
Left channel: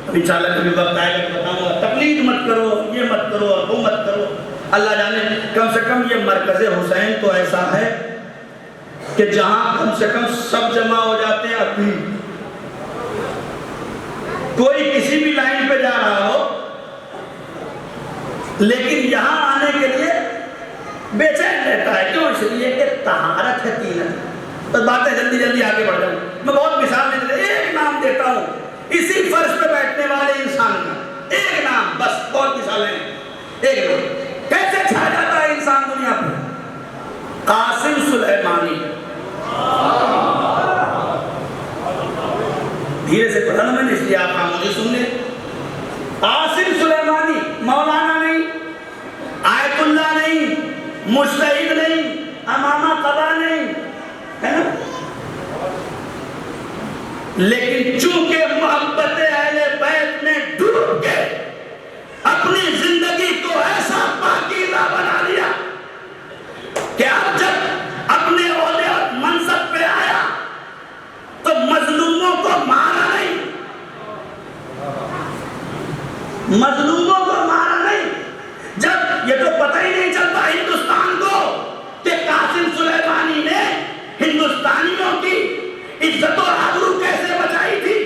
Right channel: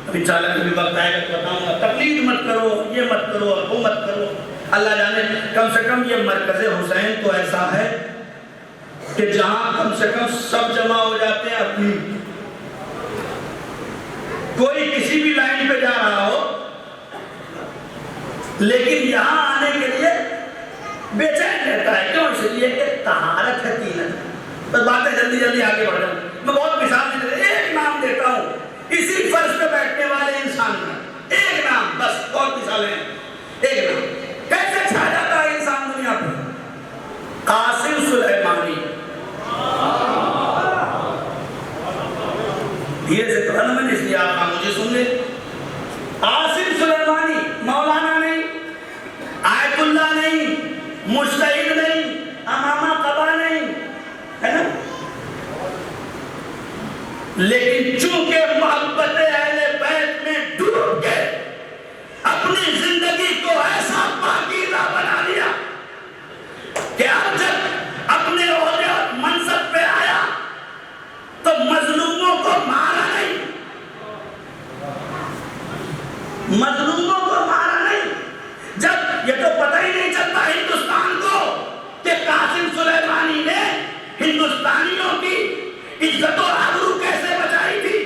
ابھی انشاءاللہ کبھی وقت آئے گا بتاؤں گا، تقلید مت کرو، یہ مت کرو، وہ مت کرو۔ اللہ جانے کم سے کم یہ مرکز حسین تو ایسا ہے کہ جہاں کم سے کم سب جمع ہو جاتے ہیں، اپنی کوئی کسی بھی لائن پہ جا رہا ہو، لیکن یہاں آنے کے لیے بے چین رہتا ہے۔ کیوں؟ اس لیے کہ طہارت ہے، تینت۔ بس باتیں جلدی جلدی آگے بڑھ جاؤں، میں بہت مثال نہیں دیتا، ایک نام دیتا ہوں اسی فرش پہ بیٹھنے والے انسان کا، ایک نام، بس بہت مثالیں ہیں، ایک نام کیسے چھا جاتا ہے انسان دنیا پہ؟ قاسم سلیمانی۔ دھیرے سے پڑھا نا میں نے، اس لیے آپ خاموشی سن لیں۔ قاسم سلیمانی، مولانا نہیں، آیت اللہ نہیں، مجتہد نہیں، امامہ قضا نہیں، ہے نا؟ لیکن چونکہ محبت اہل بیت میں ڈوب کے اپنی زندگی کو ایسا پاکیزہ بنا لیا کہ اب جب اپنے عہدے اور منصب پہ آیا تو مظلوموں کو مارا نہیں، مظلوموں کو مارا نہیں۔ جب یہ تو پتہ ہی نہیں چلتا ہندوستان کو کہ قاسم سلیمانی نے ہندوستانیوں کی عزت و آبرو کیسے بچائی تھی۔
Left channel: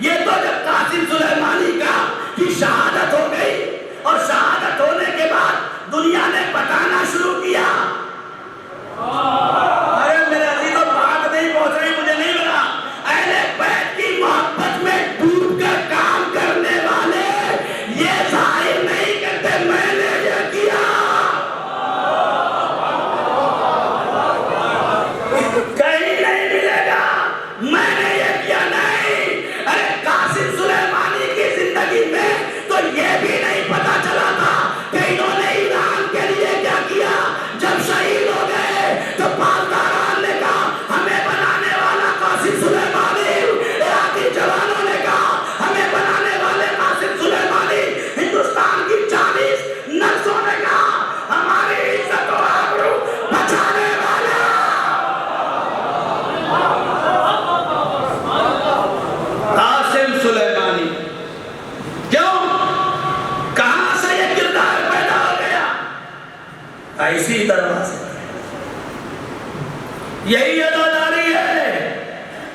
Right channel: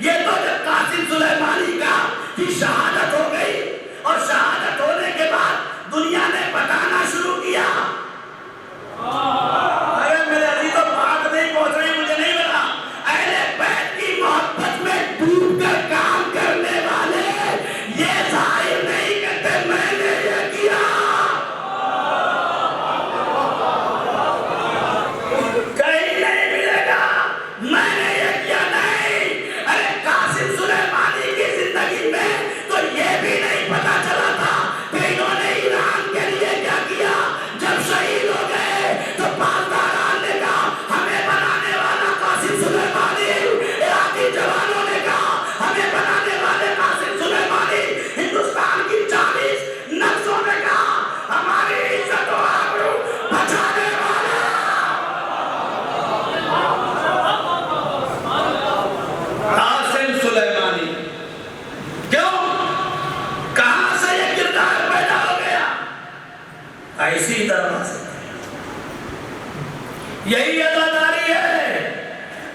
یہ تو جب قاسم سلیمانی کا کی شہادت ہو گئی، اور شہادت ہونے کے بعد دنیا نے بتانا شروع کیا۔ ارے میرے عزیزوں، بات نہیں پہنچ رہی، مجھے نہیں لگا۔ اہل بیت کی محبت میں ڈوب کر کام کرنے والے یہ ظاہر نہیں کرتے میں نے یہ کیا، کہیں نہیں ملے گا میں نے یہ کیا، نہیں۔ ارے قاسم سلیمانی کی زندگی میں تو یہ بھی نہیں پتا چلا تھا کہ انہوں نے ایران کے لیے کیا کیا۔ جب شہید ہو گئے تو پاسداران نے کہا ہمیں بنانے والا قاسم سلیمانی، عراقی جوانوں نے کہا ہمیں بنانے والے قاسم سلیمانی، ہندوستان کی 40 نقشوں نے کہا ہماری عزت و آبرو بچانے والا قاسم سلیمانی۔ کیوں؟ کہاں سے یہ کردار پیدا ہو گیا؟ ایسی طرح سے یہی عزاداری ہے،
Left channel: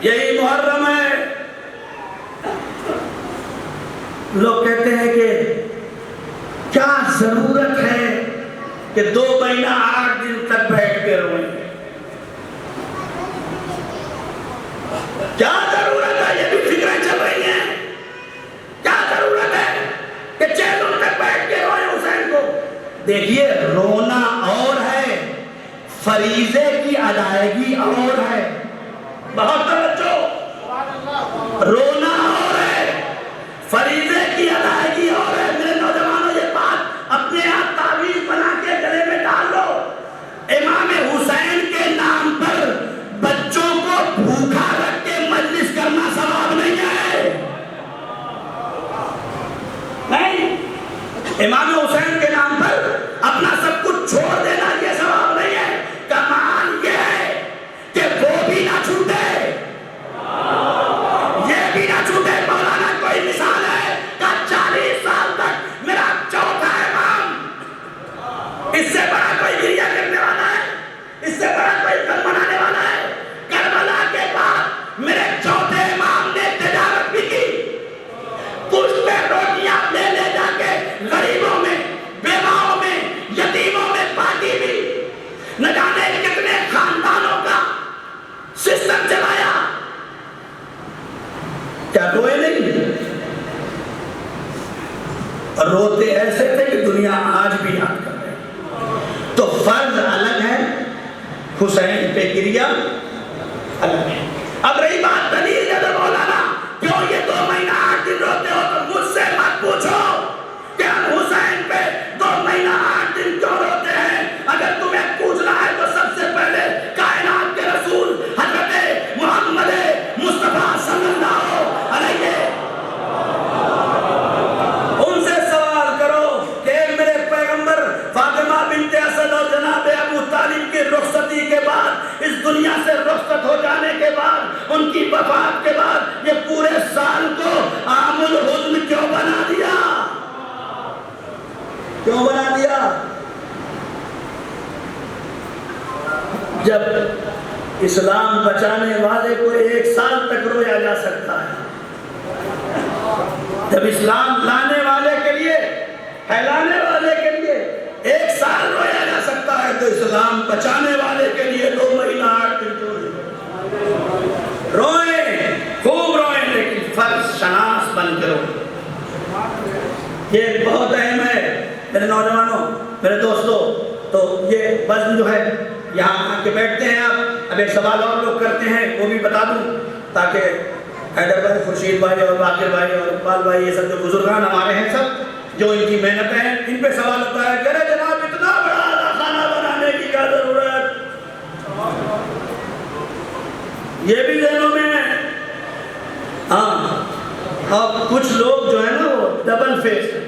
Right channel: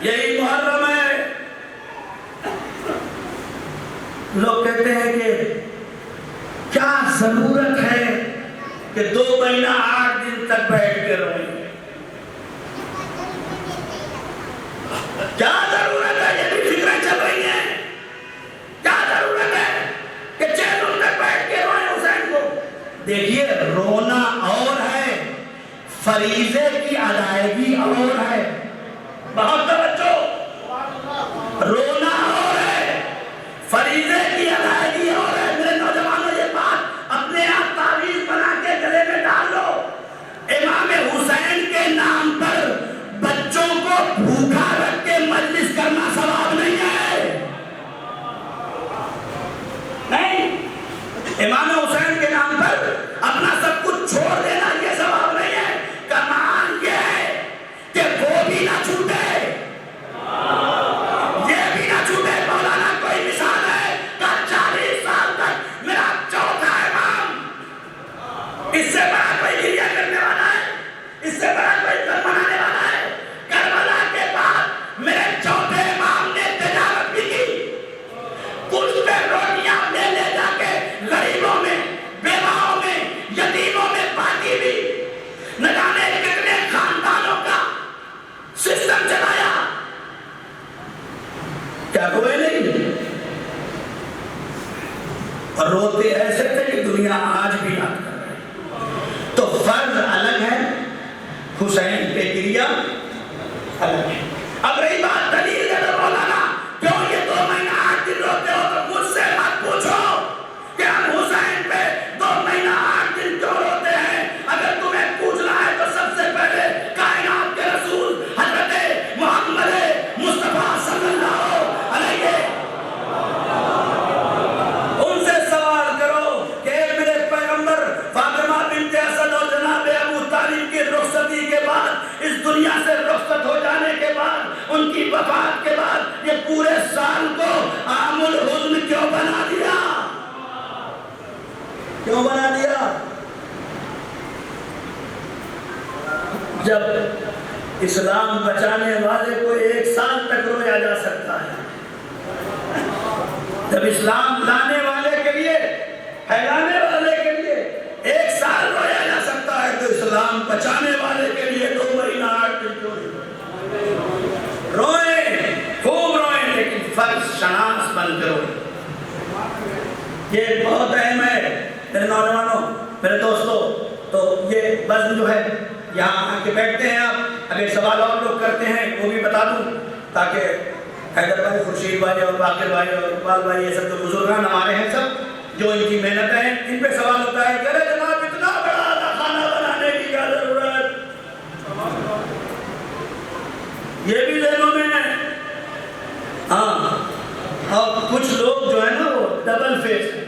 یہی محرم ہے۔ لوگ کہتے ہیں کہ کیا ضرورت ہے کہ 2 مہینہ 8 دن تک بیٹھ کے روئیں، کیا ضرورت ہے؟ یہ بھی فکریں چل رہی ہیں، کیا ضرورت ہے کہ 6 دن تک بیٹھ کے روئیں حسین کو؟ دیکھیے، رونا اور ہے، فریضے کی ادائیگی اور ہے۔ بہت توجہ، رونا اور ہے، فریضے کی ادائیگی اور ہے۔ میرے نوجوانوں، یہ بات اپنے آپ تعویذ بنا کے گلے میں ڈال لو۔ امام حسین کے نام پر بچوں کو بھوکا رکھ کے مجلس کرنا ثواب نہیں ہے۔ امام حسین کے نام پر اپنا سب کچھ چھوڑ دینا یہ ثواب نہیں ہے، کمال یہ ہے کہ وہ بھی نہ چھوٹے، یہ بھی نہ چھوٹے۔ مولانا کوئی مثال ہے کہ 40 سال تک میرا چوتھا امام، اس سے بڑا کوئی گریہ کرنے والا ہے، اس سے بڑا کوئی غم منانے والا ہے؟ کربلا کے بعد میرے چوتھے امام نے تجارت بھی کی، پشتے روٹیاں لے لے جا کے غریبوں میں، بیواؤں میں، یتیموں میں بانٹی بھی، نہ جانے کتنے خاندانوں کا سسٹم چلایا۔ کیا روئے نہیں؟ اور روتے ایسے تھے کہ دنیا آج بھی یاد کر رہے ہیں۔ تو فرض الگ ہے، حسین پہ گریہ الگ ہے۔ اب رہی بات دلیل دے مولانا کیوں یہ 2 مہینہ 8 دن روتے ہو، تو مجھ سے مت پوچھو کہ ہم حسین پہ 2 مہینہ 8 دن کیوں روتے ہیں۔ اگر تمہیں پوچھنا ہے تو سب سے پہلے کائنات کے رسول حضرت محمد مصطفیٰ صلی اللہ علیہ ان سے سوال کرو کہ میرے پیغمبر فاطمہ بنت اسد اور جناب ابو طالب کی رخصتی کے بعد، اس دنیا سے رخصت ہو جانے کے بعد، ان کی وفات کے بعد یہ پورے سال کو عام الحزن کیوں بنا دیا؟ کیوں بنا دیا؟ جب اسلام بچانے والے کو 1 سال تک رویا جا سکتا ہے، جب اسلام لانے والے کے لیے، پھیلانے والے کے لیے 1 سال رویا جا سکتا ہے، تو اسلام بچانے والے کے لیے 2 مہینہ 8 دن کیوں نہیں؟ روئیں، خوب روئیں، لیکن فرض شناس بن کرو۔ یہ بہت اہم ہے میرے نوجوانوں، میرے دوستوں۔ تو یہ وزن جو ہے، یہاں آ کے بیٹھتے ہیں آپ، اب ایک سوال اور لوگ کرتے ہیں، وہ بھی بتا دوں تاکہ حیدر بھائی، خورشید بھائی اور باقر بھائی اور اقبال بھائی، یہ سب جو بزرگان ہمارے ہیں، سب جو ان کی محنت ہے، ان پہ سوال ہوتا ہے کہ ارے جناب اتنا بڑا کھانا بنانے کی کیا ضرورت؟ یہ بھی ذہنوں میں ہے۔ ہاں، اور کچھ لوگ جو ہے نا وہ ڈبل فیس ہے،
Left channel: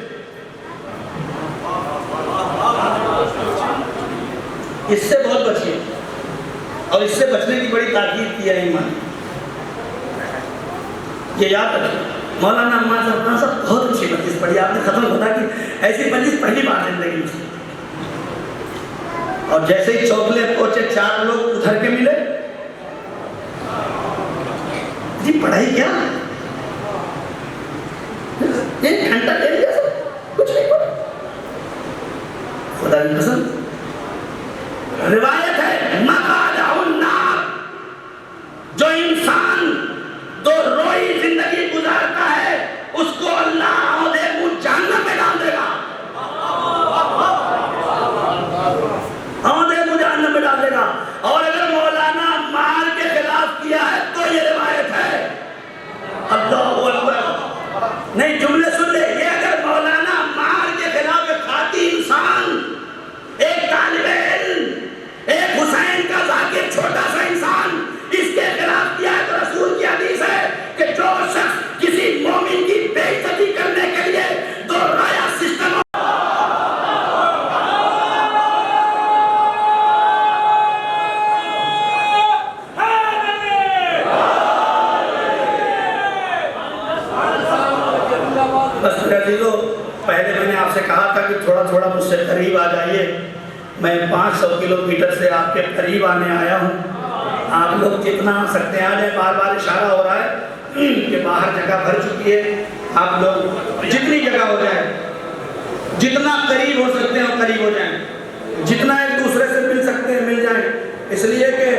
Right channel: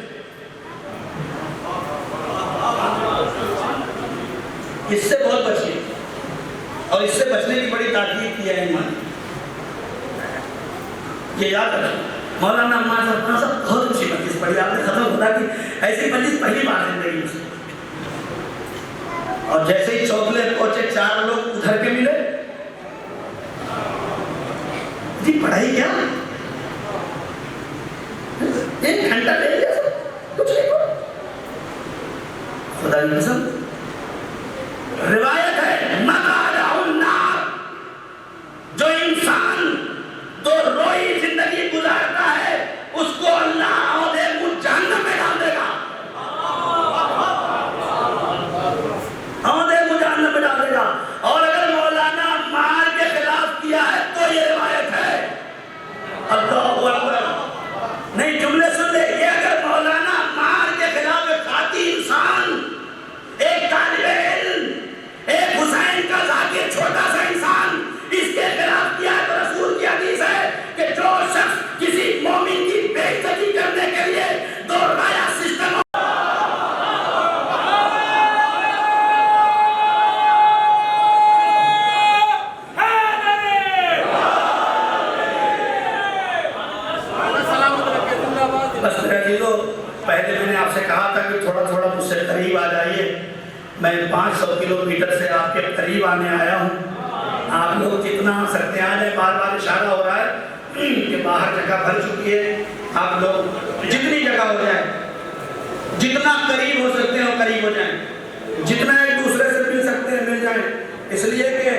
اس سے بہت بچیے، اور اس سے بچنے کی بڑی تاکید کی ہے ایمان۔ یہ یاد رکھیں، مولانا عمار صاحب بہت اچھی مجلس پڑھی آپ نے، ختم ہوتا کہ ایسی مجلس پہلی بار زندگی میں، اور جیسے ہی چوکلے پہنچے 4 لوگ ادھر کے ملے، جی پڑھائی کیا 1 گھنٹہ لے لیا سب کچھ نہیں پڑھا۔ خدا کی قسم روایت ہے، مقالہ النار، جو انسان 2 روئی زندگی گزارتا ہے اس کو اللہ عہدے منہ جہنم میں ڈال دے گا، عہدے منہ جہنم میں ڈال دے گا۔ اور اگر مولانا مار کے خلاف کیا ہے تو یہ روایت ہے، اللہ اکبر، نہیں جملے سن لے، یہ اگر مولانا مار کے خلاف ایک خاطی انسان، ایک طالب علم، ایک حسین کا ذاکر چھوٹا سا انسان اس کے خلاف کیا ہے تو رسول کی حدیث ہے کہ جو شخص کسی مومن کی بے عزتی کرنے کے لیے 2 رایا سسٹم بس میرے عزیزو، پہلے میں نے آپ سے کہا تھا کہ تھوڑا تھوڑا مجھ سے قریب آ جائیے، میں 500 کلومیٹر سے آپ کے قریب آنے آیا ہوں، آپ لوگ جتنا آ سکتے ہیں آ جائیں، بار بار اشارہ ہو رہا ہے کہ باہر جگہ بھر چکی ہے، آپ لوگ جتنی جگہ ہو جائے، جتنا قریب ہو سکتے ہیں وہ قریب ہو جائیں، جتنا ایک دوسرے سے مل سکتے ہیں مل جائیں، اس لیے کہ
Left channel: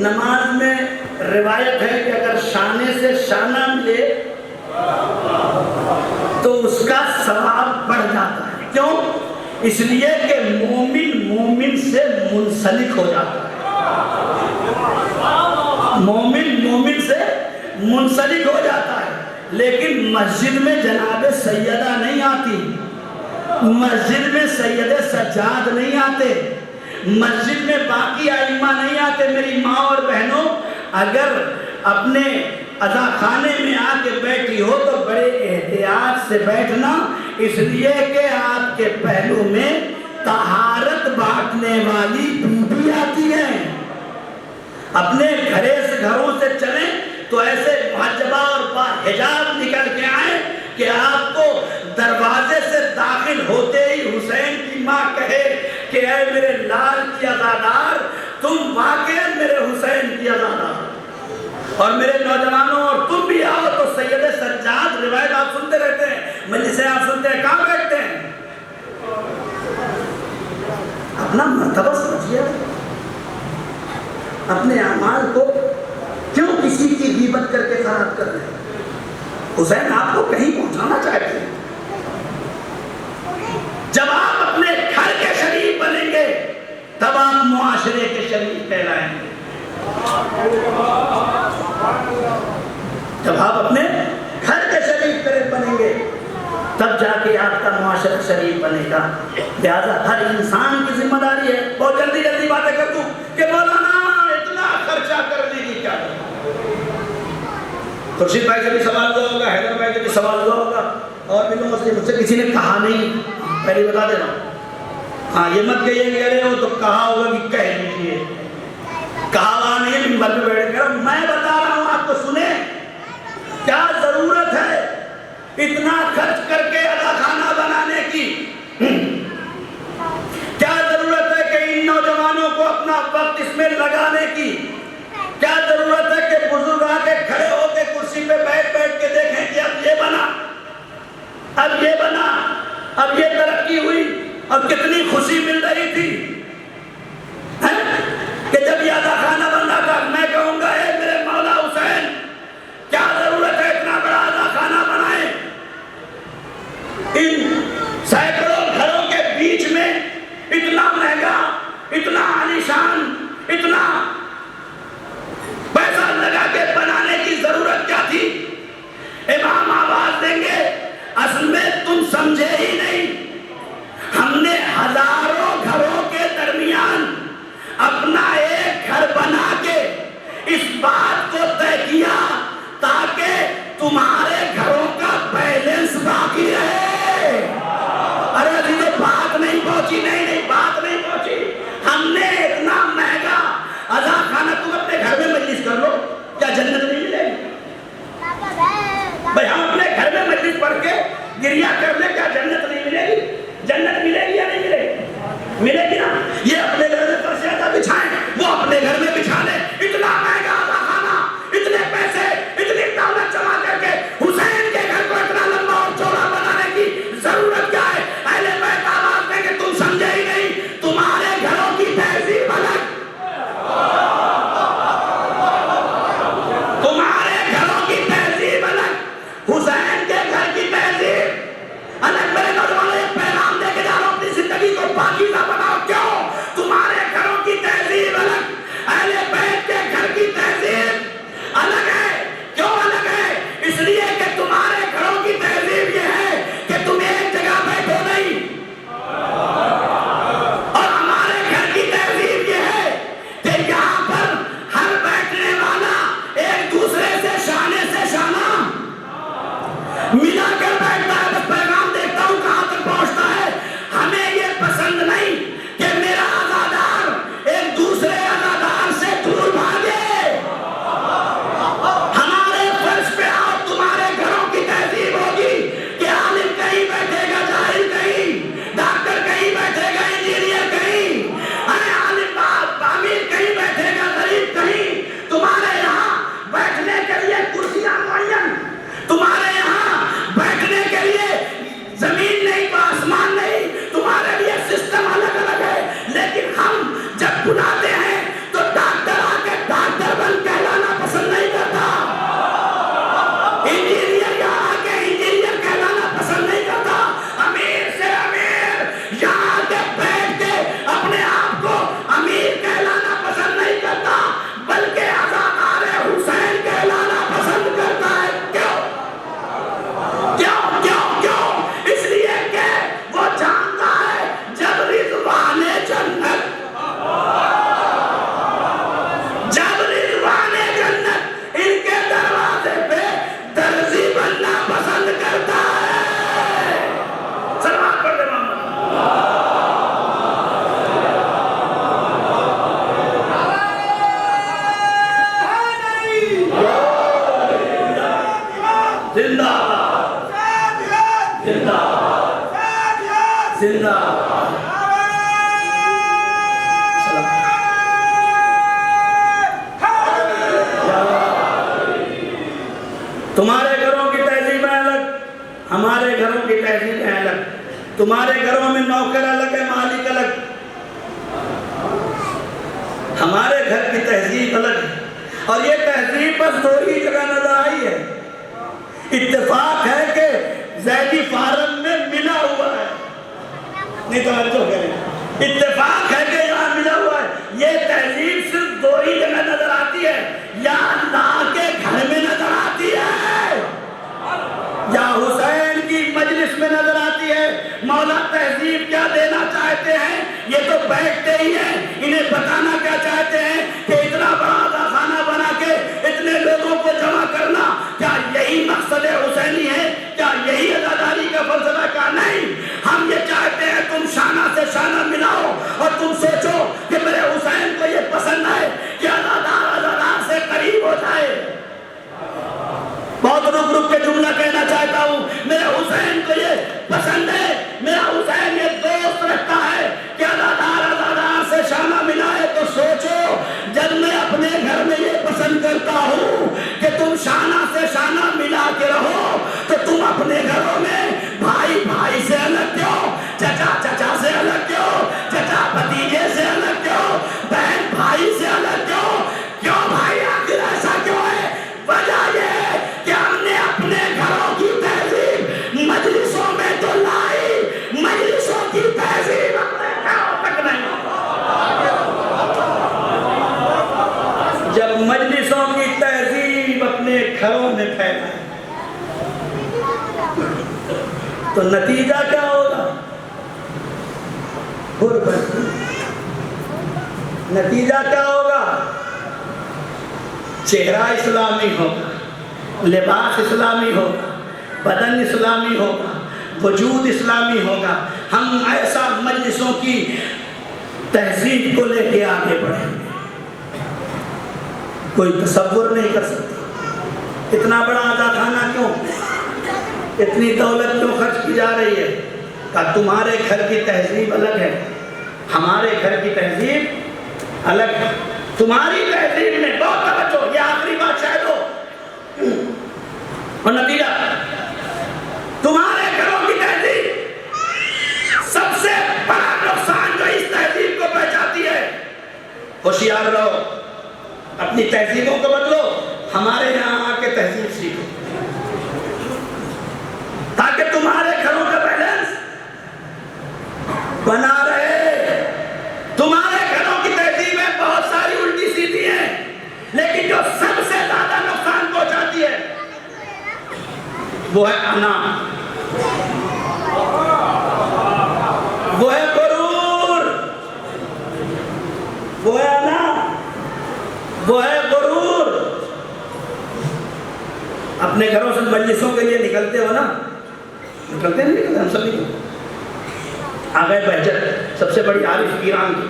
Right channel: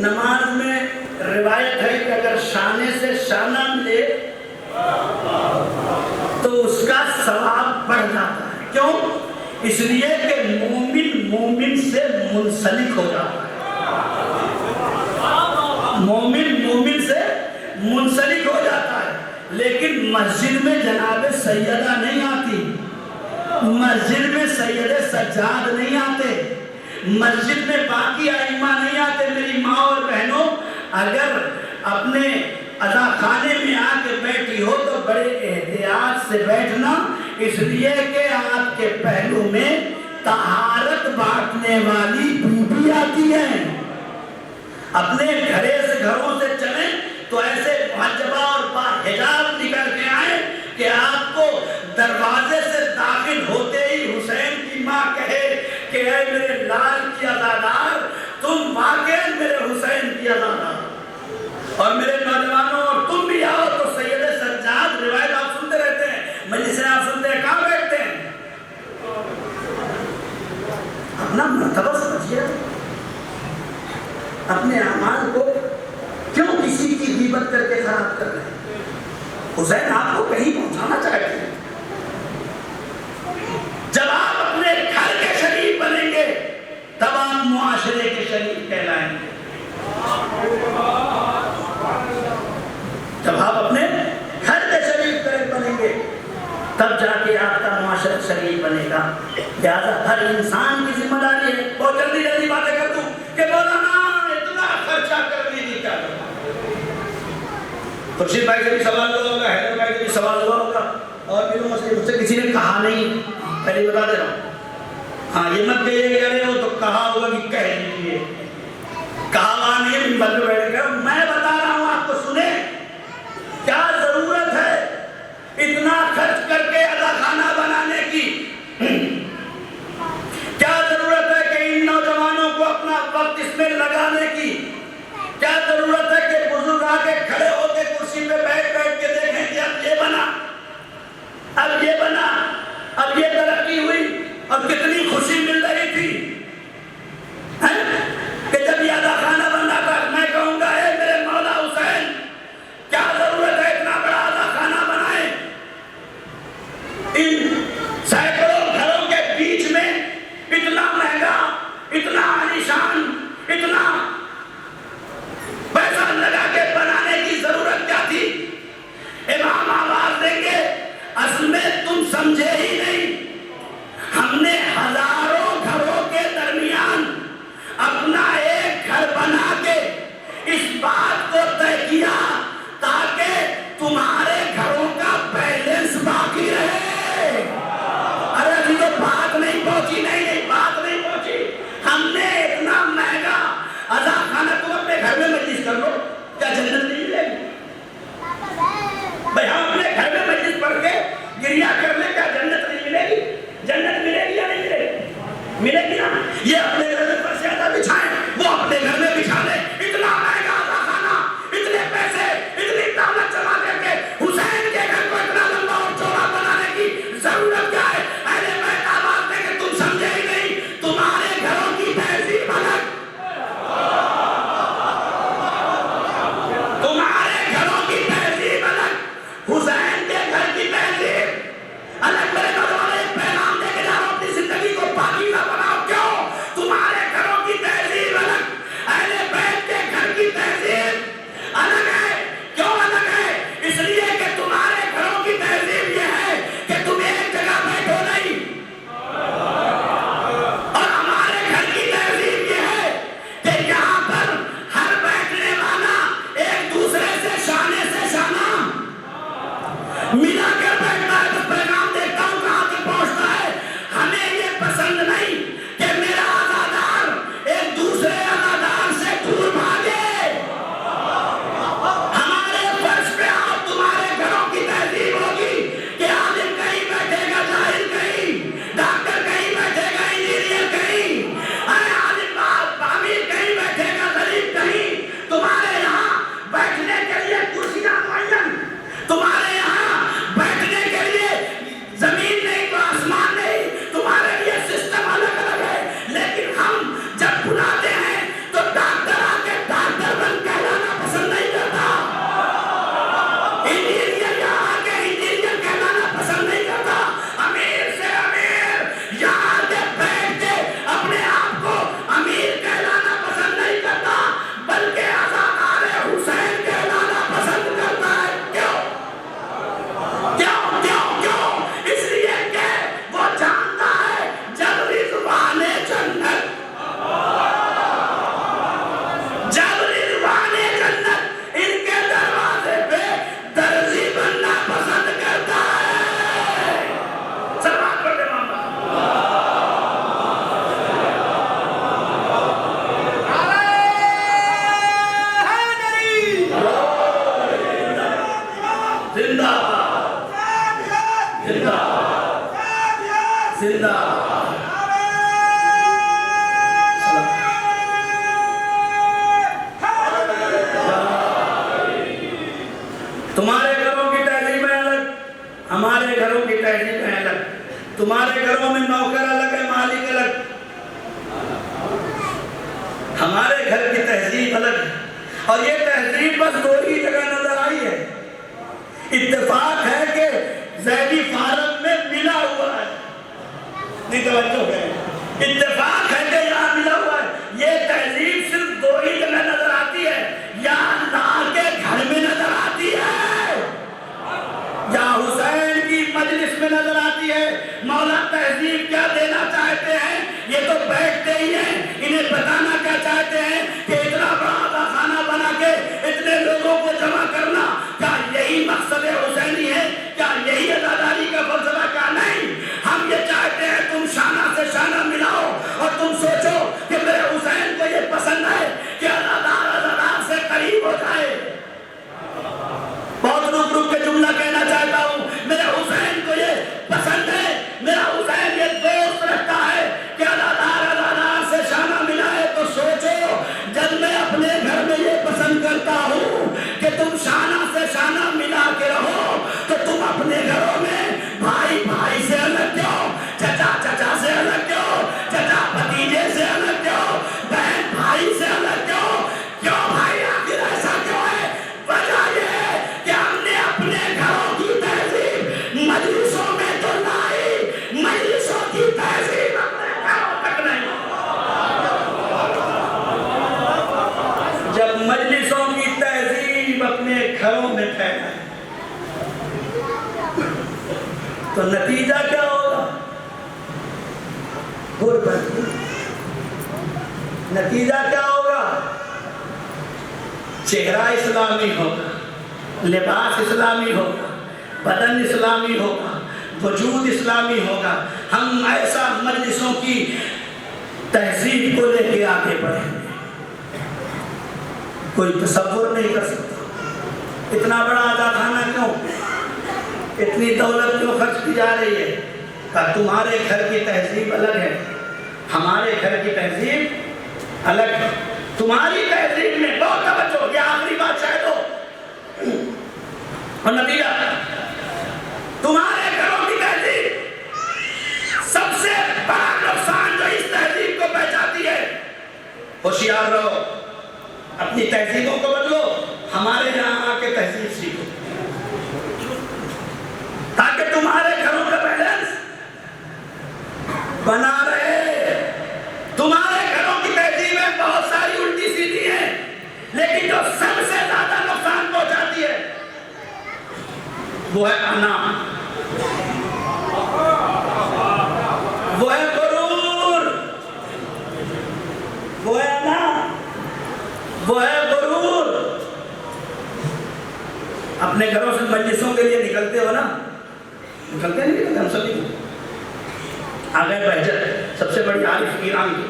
نماز میں روایت ہے کہ اگر شانے سے شانہ ملے تو اس کا ثواب بڑھ جاتا ہے۔ کیوں؟ اس لیے کہ مومن مومن سے منسلک ہو جاتا ہے، مومن مومن سے منسلک ہو جاتا ہے۔ لیکن مسجد میں جناب سیدہ نہیں آتی، مسجد میں سید سجاد نہیں آتے، مسجد میں باقی ائمہ نہیں آتے۔ میری ماں اور بہنوں، اگر اپنے اذا خانے میں آ کے بیٹھی ہو تو بڑے احتیاط سے بیٹھنا، اس لیے کہ آپ کے پہلو میں طہارت بانٹنے والی بیوی آتی ہیں. اپنے گھروں سے چلیں تو ایسے محجبہ اور باحجاب نکل کے آئیں کہ آپ کو دروازے سے داخل ہوتے ہی حسین کی ماں کہے کہ اے میرے لال کی عزادار، تم واقعی میرے حسین کی عزادار. اور میرے نوجوانوں اور تم بھی آؤ. تو سید سجاد روایت آپ سنتے رہتے ہیں، مجلسیں آپ سنتے ہیں، کہاں بیٹھتے ہیں؟ اپنا مرتبہ سمجھیے، اپنے اعمال کو کیوں کسی کی غیبت کر کے خراب کر رہے ہیں؟ حسین آپ کو کہیں پہنچانا چاہتے ہیں. جب آپ اپنے گھر کے شریف بنیں گے تب آپ معاشرے کے شریف کہلائیں گے. جب آپ اپنے گھر کے شریف بنیں گے تب جا کے آپ کا معاشرہ شریف بنے گا. لہذا ہر انسان کی ذمہ داری ہے. بہت جلدی جلدی باتیں کر دوں کہ مولانا اتنا خرچہ کرنے کی کیا ضرورت؟ خورشید بھائی سے بھی سوال ہوا ہوگا، حیدر بھائی سے بھی سوال ہوا ہوگا، اور بھی لوگوں سے مجھ سے کسی نے کہا نہیں. پہلے بتا دے رہا ہوں، ہاں یہ مت کہیے کہ اڑے ہو تو کہا ہوگا کہ کہہ دیجیے. کہا ہوا نہیں، منبر پہ بیٹھ کر میں بتا رہا ہوں آپ کو. سنیں، کیا ضرورت ہے اتنا خرچ کر کے ادا خانہ بنانے کی؟ کیا ضرورت ہے کہ ان نوجوانوں کو اپنا وقت اس میں لگانے کی؟ کیا ضرورت ہے کہ بزرگ آ کے کھڑے ہو کے کرسی پہ بیٹھ کے دیکھیں کہ اب یہ بنا، اب یہ بنا، اب یہ ترقی ہوئی، اور کتنی خوشی مل رہی تھی کہ جب یہ ادا خانہ بن رہا تھا. میں کہوں گا اے میرے مولا حسین، کیا ضرورت ہے اتنا بڑا ادا خانہ بنائیں؟ ان سینکڑوں گھروں کے بیچ میں اتنا مہنگا، اتنا عالیشان، اتنا پیسہ لگا کے بنانے کی ضرورت کیا تھی؟ امام آواز دیں گے، اصل میں تم سمجھے ہی نہیں، ہم نے زندہ تمہارے گھروں کی تہذیبیں الگ، ہمارے گھروں کی تہذیبیں الگ، تمہارے گھروں میں نوکر الگ ہے، مالک الگ، ہمارے گھر کی تہذیب الگ ہے، اور یہ تہذیب بس دو ہی جگہ نظر آئی ہے۔ اتفاق ہے کہ زیدی فارم میں ملا ہوا ہے، نہیں توجہ کریں، اتفاق ہے کہ یہاں ملا ہوا ہے۔ یہ تہذیب صرف دو ہی جگہ نظر آتی ہے، یا اللہ کے گھر میں نظر آتی ہے یا حسین کی مجلس میں نظر آتی ہے۔ مولا تہذیب کیا دینا چاہتے ہیں؟ یہ تو بیٹھتے ہی ہیں، انہیں بتانا کیا چاہتے ہیں کہ اتنا بڑا خانہ بنا کے اتنے لوگوں کو جمع کرنا، کیا یہی مقصد حسینی ہے؟ کیا یہی عزاداری کا فلسفہ؟ کیا نہیں، ہم یہ چاہتے ہیں تم شانہ سے شانہ ملاؤ اور تم سوچو کہ میرے حسین کو یہ پسند ہے کہ عزادار سے قریب ہو جائے۔ بہت رک کے جملہ کہنا چاہتا ہوں، میرے حسین کو یہ پسند ہے، میرا حسین یہ دوست رکھتا ہے کہ عزادار سے شانہ ملائے۔ تو سوچو، جب میں اپنے گھر میں یہ پسند کرتا ہوں کہ تم شانہ سے شانہ ملا کے رہو، تو تم اپنے گھروں میں بھائی بھائی سے الگ کیوں، چچا چچا سے الگ کیوں، چچا بھتیجے سے الگ کیوں، بہن بھائی سے الگ کیوں؟ کیوں بھائی آخر ایسا کیوں ہے؟ وجہ یہ کہ ہم نے اپنے گھروں کی تہذیب مجلسوں میں تو لائی، مجلسوں کی تہذیب اپنے گھروں تک نہیں۔ جب مجلسوں کی تہذیب اپنے گھروں میں پھیلائے تو نتیجہ کیا ہوگا؟ غربت۔ نتیجہ کیا ہوگا؟ چہرہ اسلامی ہوگا، لباس اسلامی ہوگا، بدن اسلامی ہوگا، وجود اسلامی ہوگا۔ ہم ایسا مجلسوں کی تہذیب کو لے کے آگے بڑھیں گے، کوئی تصور نہیں کر سکتا۔ اتنا بڑا عزاخانہ کیوں، اتنی دولت کیوں خرچ کی جا رہی ہے؟ کہ تمہارے گھر کی تہذیب الگ ہے، ہمارے گھر کی تہذیب الگ ہے۔ تمہاری تہذیب میں بہت توجہ، یہ آخری بات شاید ہو، اور نتیجہ تمہارے گھروں کی تہذیب سب سے بڑا نقصان جو اس تہذیب کو پہنچاتی ہے۔ ہوشیار رہو، اپنی تہذیبوں کو بدلو، ہمارے یہاں آ کے تہذیب سیکھو، تاکہ تمہارے گھروں کا بیلنس بنا رہے۔ تمہارے گھروں کی تہذیبیں بہت ساری الٹی سیدھی ہیں، لیکن جو سب سے زیادہ نقصان پہنچاتی ہے وہ ہے انا، وہ ہے غرور، وہ ہے انا، وہ ہے غرور۔ اپنے گھروں سے مجلسوں کے لیے نکلتے ہو نا، نکلتے نہیں، ہم سبھی کو آگئے بہجت سب سے بڑی عارف ایران کی،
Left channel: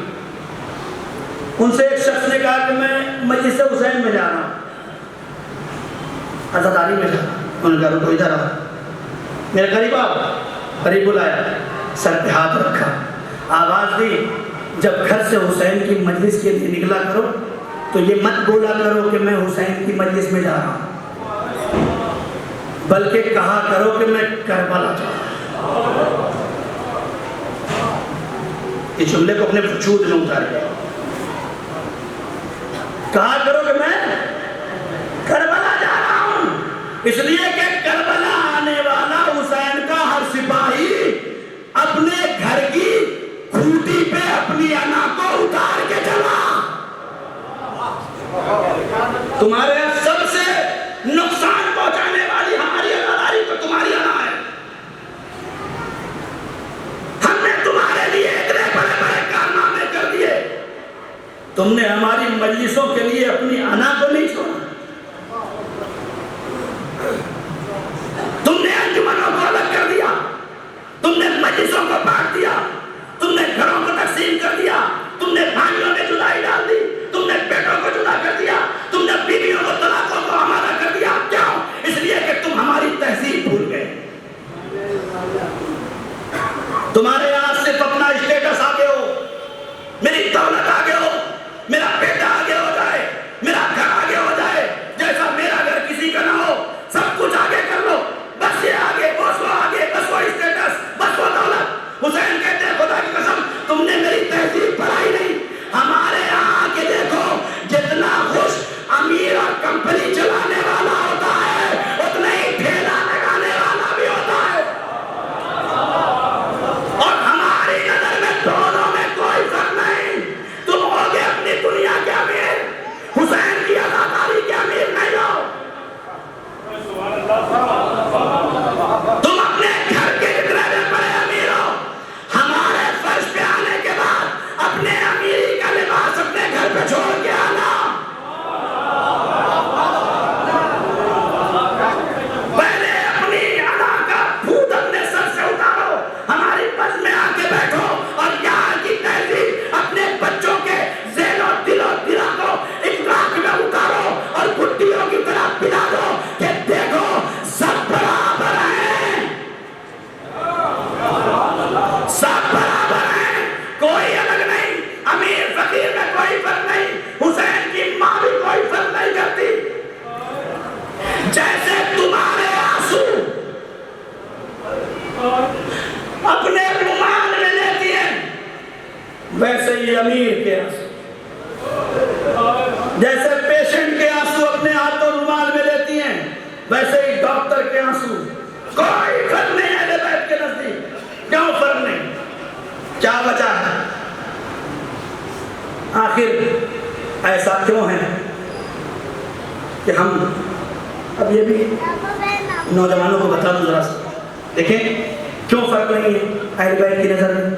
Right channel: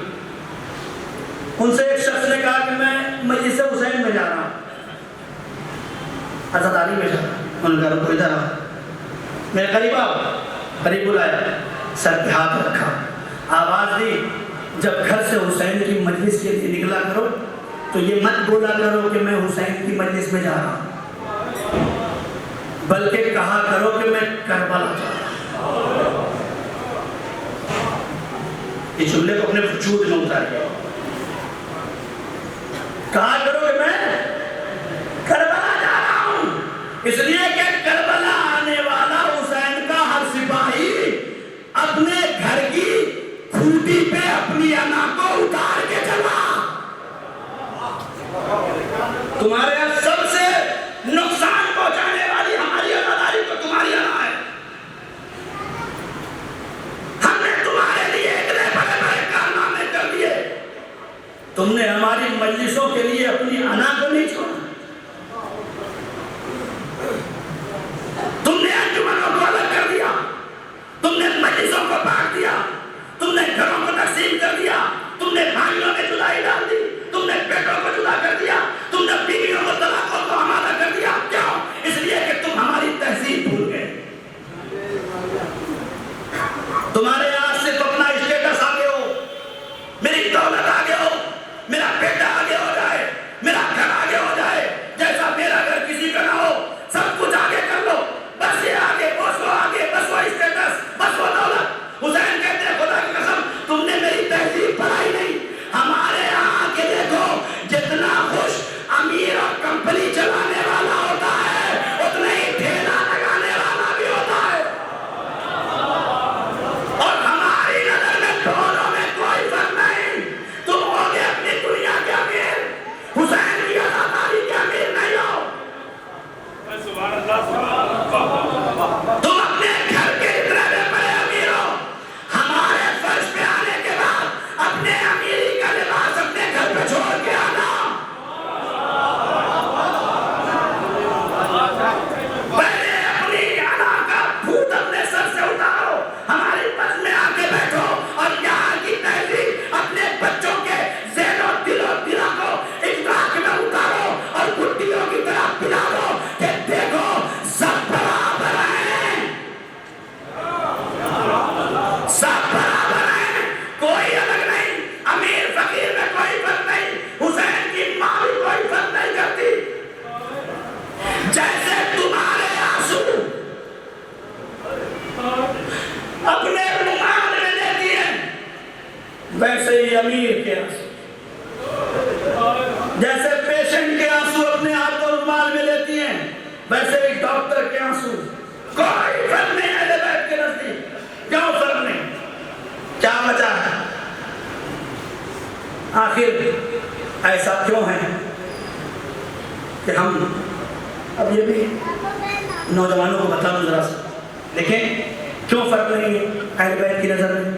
ان سے ایک شخص نے کہا کہ میں مجلس حسین میں جا رہا ہوں، عزاداری میں جا رہا ہوں۔ انہوں نے کہا رکو ادھر آؤ، میرے قریب آؤ، قریب بلایا، سر پہ ہاتھ رکھا، آواز دی، جب گھر سے حسین کی مجلس کے لیے نکلا کرو تو یہ مت بولا کرو کہ میں حسین کی مجلس میں جا رہا ہوں، بلکہ کہا کرو کہ میں کربلا جا رہا ہوں۔ اس جملے کو اپنے وجود میں اتاریں، کہا کرو کہ میں کربلا جا رہا ہوں، اس لیے کہ کربلا آنے والا حسین کا ہر سپاہی اپنے گھر کی کھوٹی پہ اپنی انا کو اتار کے چلا۔ تمہارے یہاں سب سے نقصان پہنچانے والی ہماری عزاداری تو تمہاری انا ہے۔ ہم نے تمہارے لیے اتنے بڑے بڑے کارنامے کر دیے، تم نے ہماری مجلسوں کے لیے اپنی انا کو نہیں چھوڑا، تم نے انجمنوں کو الگ کر دیا، تم نے مجلسوں کو بانٹ دیا، تم نے گھروں کو تقسیم کر دیا، تم نے بھائیوں میں جدائی ڈال دی، تم نے بیٹوں کو جدا کر دیا، تم نے بیویوں کو طلاقوں کو ہمارا کر دیا۔ کیوں؟ اس لیے کہ تم ہماری تہذیب بھول گئے۔ تمہارے یہاں ویسے ہی امیر کے آنسو، جیسے پیشنٹ کے آنسو اپنے ہاتھ اور رومال میں لیتی ہیں، ویسے ہی ڈاکٹر کے آنسو۔ کوئی فرق نہیں اہل بیت کے نزدیک۔ کیوں فرق نہیں؟ کیا وجہ ہے؟ آخر ایسا کیوں ہے کہ ہم، اب یہ بھی نوجوانوں کو بتا دوں ذرا سا، دیکھیں کیوں فرق نہیں ہے اہل بیت کی نظر میں؟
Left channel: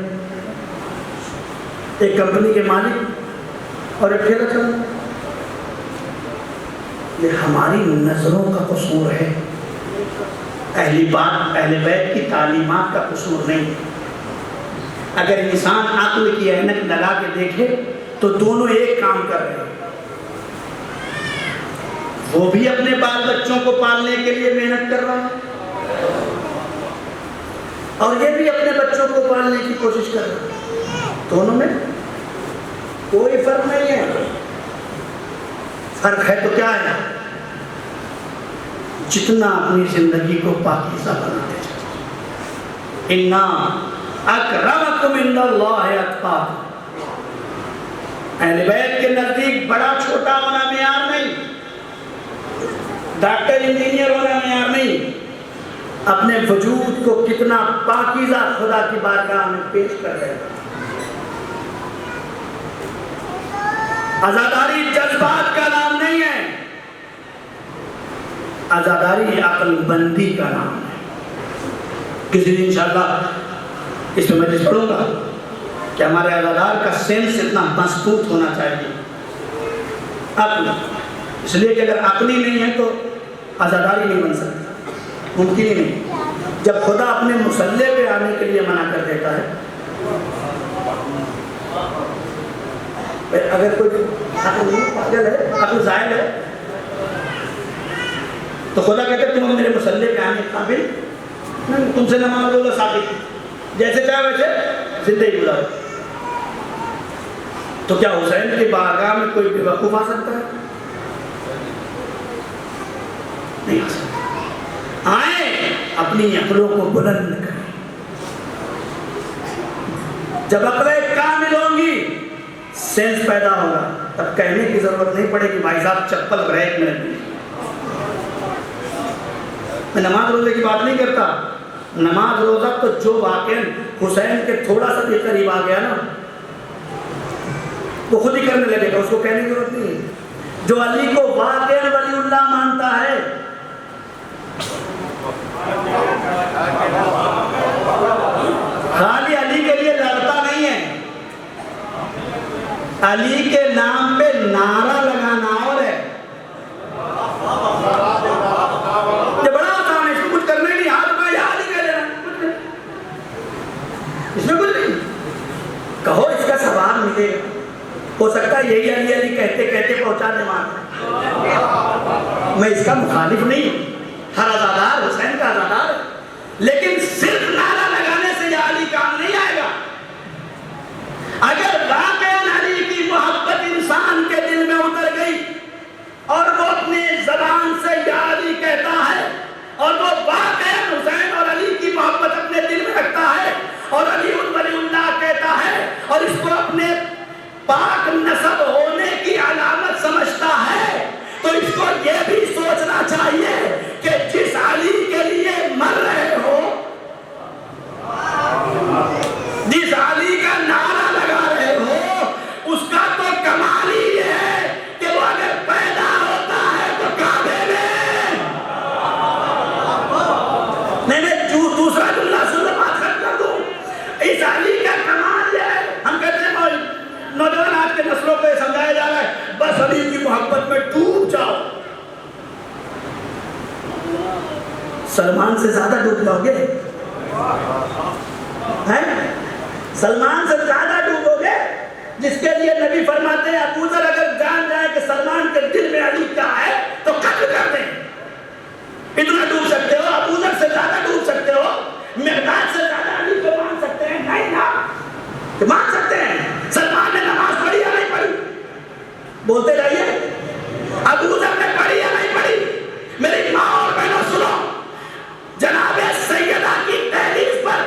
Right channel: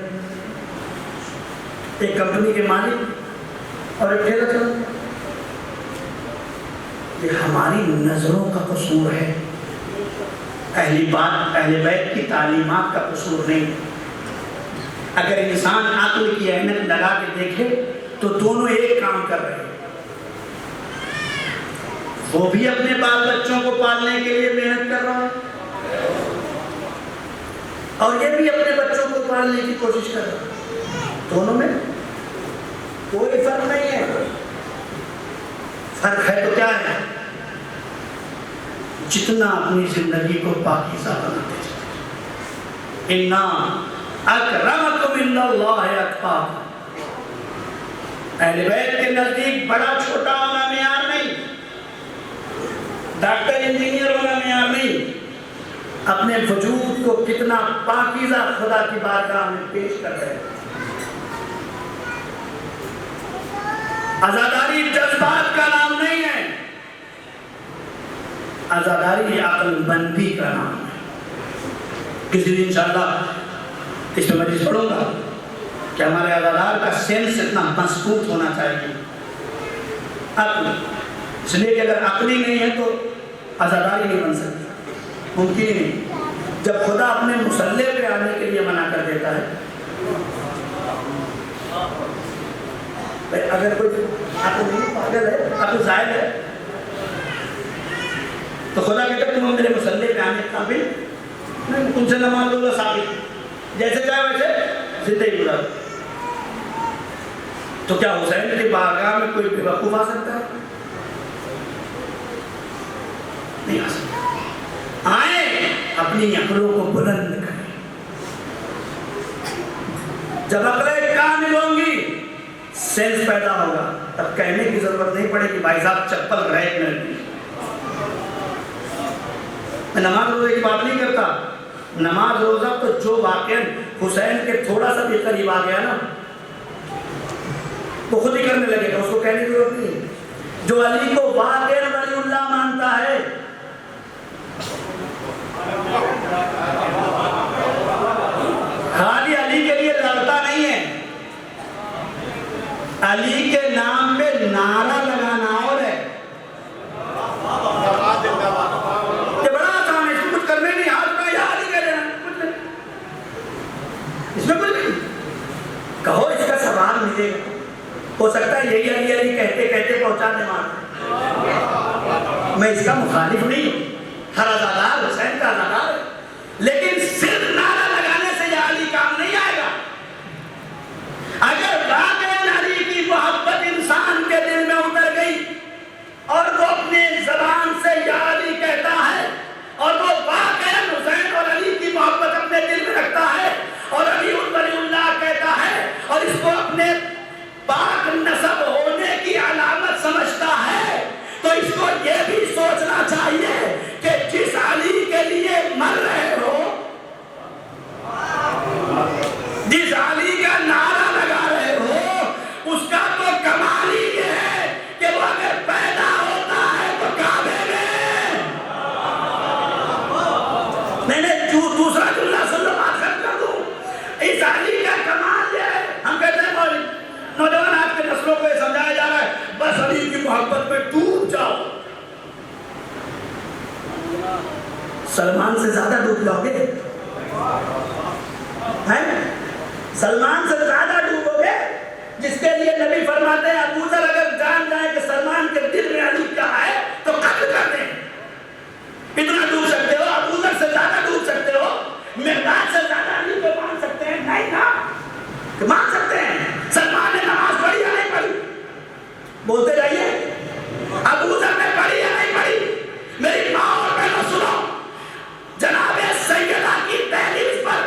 ایک کمپنی کے مالک اور ایک ٹھیکہ چلا، یہ ہماری نظروں کا قصور ہے، اہل بیت کی تعلیمات کا قصور نہیں۔ اگر انسان عقل کی عینک لگا کے دیکھے تو دونوں ایک کام کر رہے ہیں، وہ بھی اپنے بال بچوں کو پالنے کے لیے محنت کر رہا ہے اور یہ بھی اپنے بچوں کو پالنے کی کوشش کر رہا ہے، دونوں میں کوئی فرق نہیں ہے۔ فرق ہے تو کیا ہے؟ جتنا اپنی زندگی کو پاکیزہ بناتے ہیں۔ اِنَّا اَكْرَمَكُمْ عِنْدَ اللَّهِ أَتْقَاكُمْ۔ اہل بیت کے نزدیک بڑا چھوٹا ہونا معیار نہیں، ڈاکٹر انجینئر ہونا معیار نہیں، اپنے وجود کو کتنا پاکیزہ خدا کی بارگاہ میں پیش کر رہے ہیں۔ عزاداری جذبات کا نام نہیں ہے، عزاداری عقل بندی کا نام ہے۔ کسی دن انشاءاللہ اس میں مجلس پڑھوں گا کہ ہمارے عزادار کا سینس اتنا مضبوط ہونا چاہیے، عقل، اس لیے کہ اگر عقلی نہیں ہے تو عزاداری نہیں بن سکتی، ممکن ہی نہیں۔ جب خدا اپنے مصلی پہ آنے کے لیے منع کر دیتا ہے، اگر کوئی عقل نہیں، پاگل ہے، عقل زائل ہے، تو خدا کہتے ہیں تم میرے مصلی پہ آنے کے قابل نہیں، تم سے نماز اللہ ثابت، جیسے چاہے ویسے زندگی گزارو۔ تو کیا حسین کی بارگاہ میں کوئی بیوقوف آ سکتا ہے؟ نہیں آ سکتا۔ آئیں اپنی عقلوں کو بلند کریں، جب عقلیں کامل ہوں گی سینس پیدا ہوگا، تب کہنے کی ضرورت نہیں پڑے کہ بھائی صاحب چپل ریک میں رکھی۔ میں نماز روزے کی بات نہیں کرتا، نماز روزہ تو جو واقعاً حسین کے تھوڑا سا بھی قریب آ گیا نا وہ خود ہی کرنے لگے گا، اس کو کہنے کی ضرورت نہیں۔ جو علی کو واقعاً ولی اللہ مانتا ہے، خالی علی کے لیے لڑتا نہیں ہے، علی کے نام پہ نعرہ لگانا اور ہے۔ یہ بڑا آسان ہے، اس میں کچھ کرنے نہیں، ہاتھ میں یاد ہی کرے نا، اس میں کچھ نہیں، کہو اس کا ثواب ملے گا۔ ہو سکتا ہے یہی علی علی کہتے کہتے پہنچا دے وہاں، میں اس کا مخالف نہیں ہوں، ہر عزادار حسین کا عزادار ہے، لیکن صرف نعرہ لگانے سے یہ علی کام نہیں آئے گا۔ اگر واقعاً علی کی محبت انسان کے دل میں اتر گئی اور وہ اپنے زبان سے یا علی کہتا ہے اور وہ واقعاً حسین اور علی کی محبت اپنے دل میں رکھتا ہے اور علی ولی اللہ کہتا ہے اور اس کو اپنے پاک نسب ہونے کی علامت سمجھتا ہے، تو اس کو یہ بھی سوچنا چاہیے کہ جس علی کے لیے مر رہے ہو، جس علی کا نعرہ لگا رہے ہو، اس کا تو کمال ہی ہے کہ وہ اگر پیدا ہوتا ہے تو کعبے میں نہیں دوسرا جملہ سن لو، بات کر دوں، اس علی کا کمال یہ ہے۔ ہم کہتے ہیں نوجوان آج کے نسلوں کو یہ سمجھایا جا رہا ہے بس علی کی محبت میں ڈوب جاؤ، سلمان سے زیادہ ڈوب جاؤ گے، سلمان سے زیادہ ڈوبو گے، جس کے لیے نبی فرماتے ہیں ابو ذر اگر جان جائے کہ سلمان کے دل میں علی کیا ہے تو قتل کر دیں۔ اتنا ڈوب سکتے ہو، ابو ذر سے زیادہ ڈوب سکتے ہو، مقداد سے زیادہ علی کو مان سکتے ہیں؟ نہیں نا، کہ مان سکتے ہیں۔ سلمان نے نماز پڑھی یا نہیں پڑھی؟ بولتے رہیے، ابو ذر نے پڑھی یا نہیں پڑھی؟ میری ماں اور بہنوں سنو، جناب سیدہ کی تحریف پر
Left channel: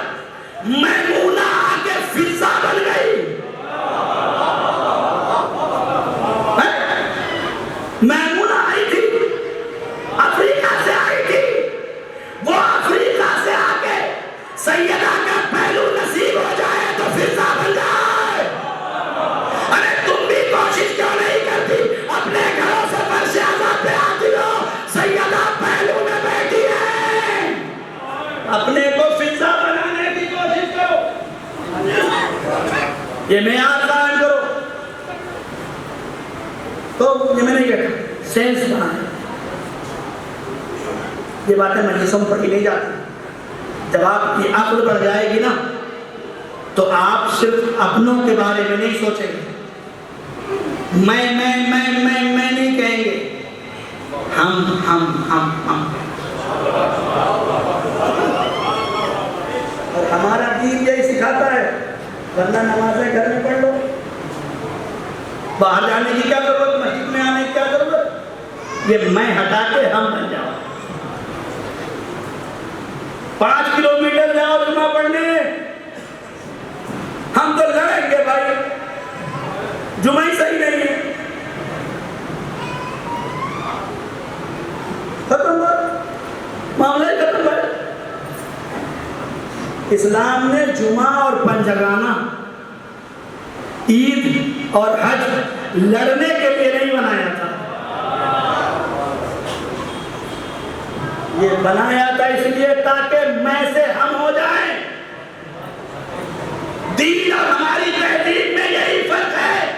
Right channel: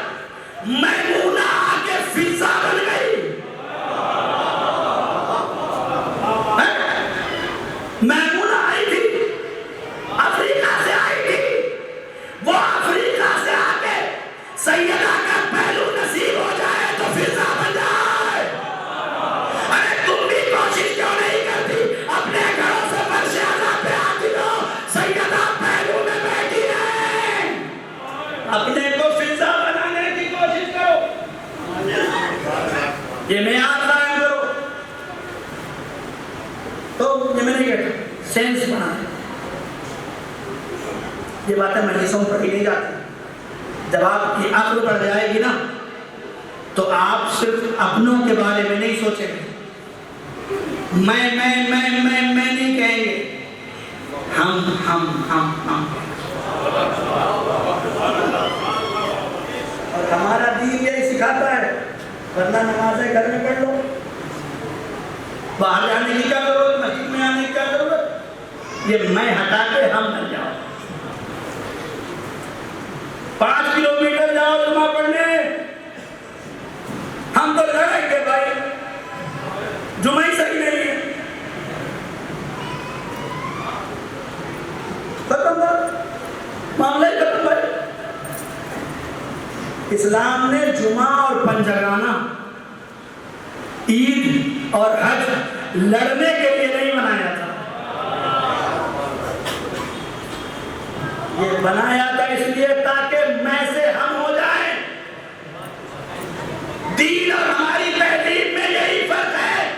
میمونہ آ کے فضا بن گئی، یہ معیار قائم کرو. تو یہ میں نہیں کہتا سینس بنانا. یہ باتیں مجلسوں میں پڑھی نہیں جاتی. جب آپ کی عقل بڑھ جائے گی نا تو آپ صرف اپنوں کے بارے میں نہیں سوچیں گے. میں نہیں کہیں گے. ہم. اور ہمارا دین یہی سکھاتا ہے. ورنہ نمازیں گھر میں پڑھ لو, باہر جانے کی کیا ضرورت, مسجد میں آنے کی کیا ضرورت. یہ میں ہٹا کے ہم بن جاؤ. 5 کلومیٹر جاؤ جمعہ پڑھنے, ہم تو لڑیں گے بھائی, جمعہ ہی صحیح نہیں ہے. ختم بات, معاملہ ہی ختم ہے. اسلام نے جمعہ اور پنجگانہ, عید اور حج لڑنے کے لیے نہیں بنایا تھا. یہ بنایا تھا اس لیے تاکہ میں سے ہم ہو جائیں. دین اور ہماری تہذیب میں یہی فرق ہے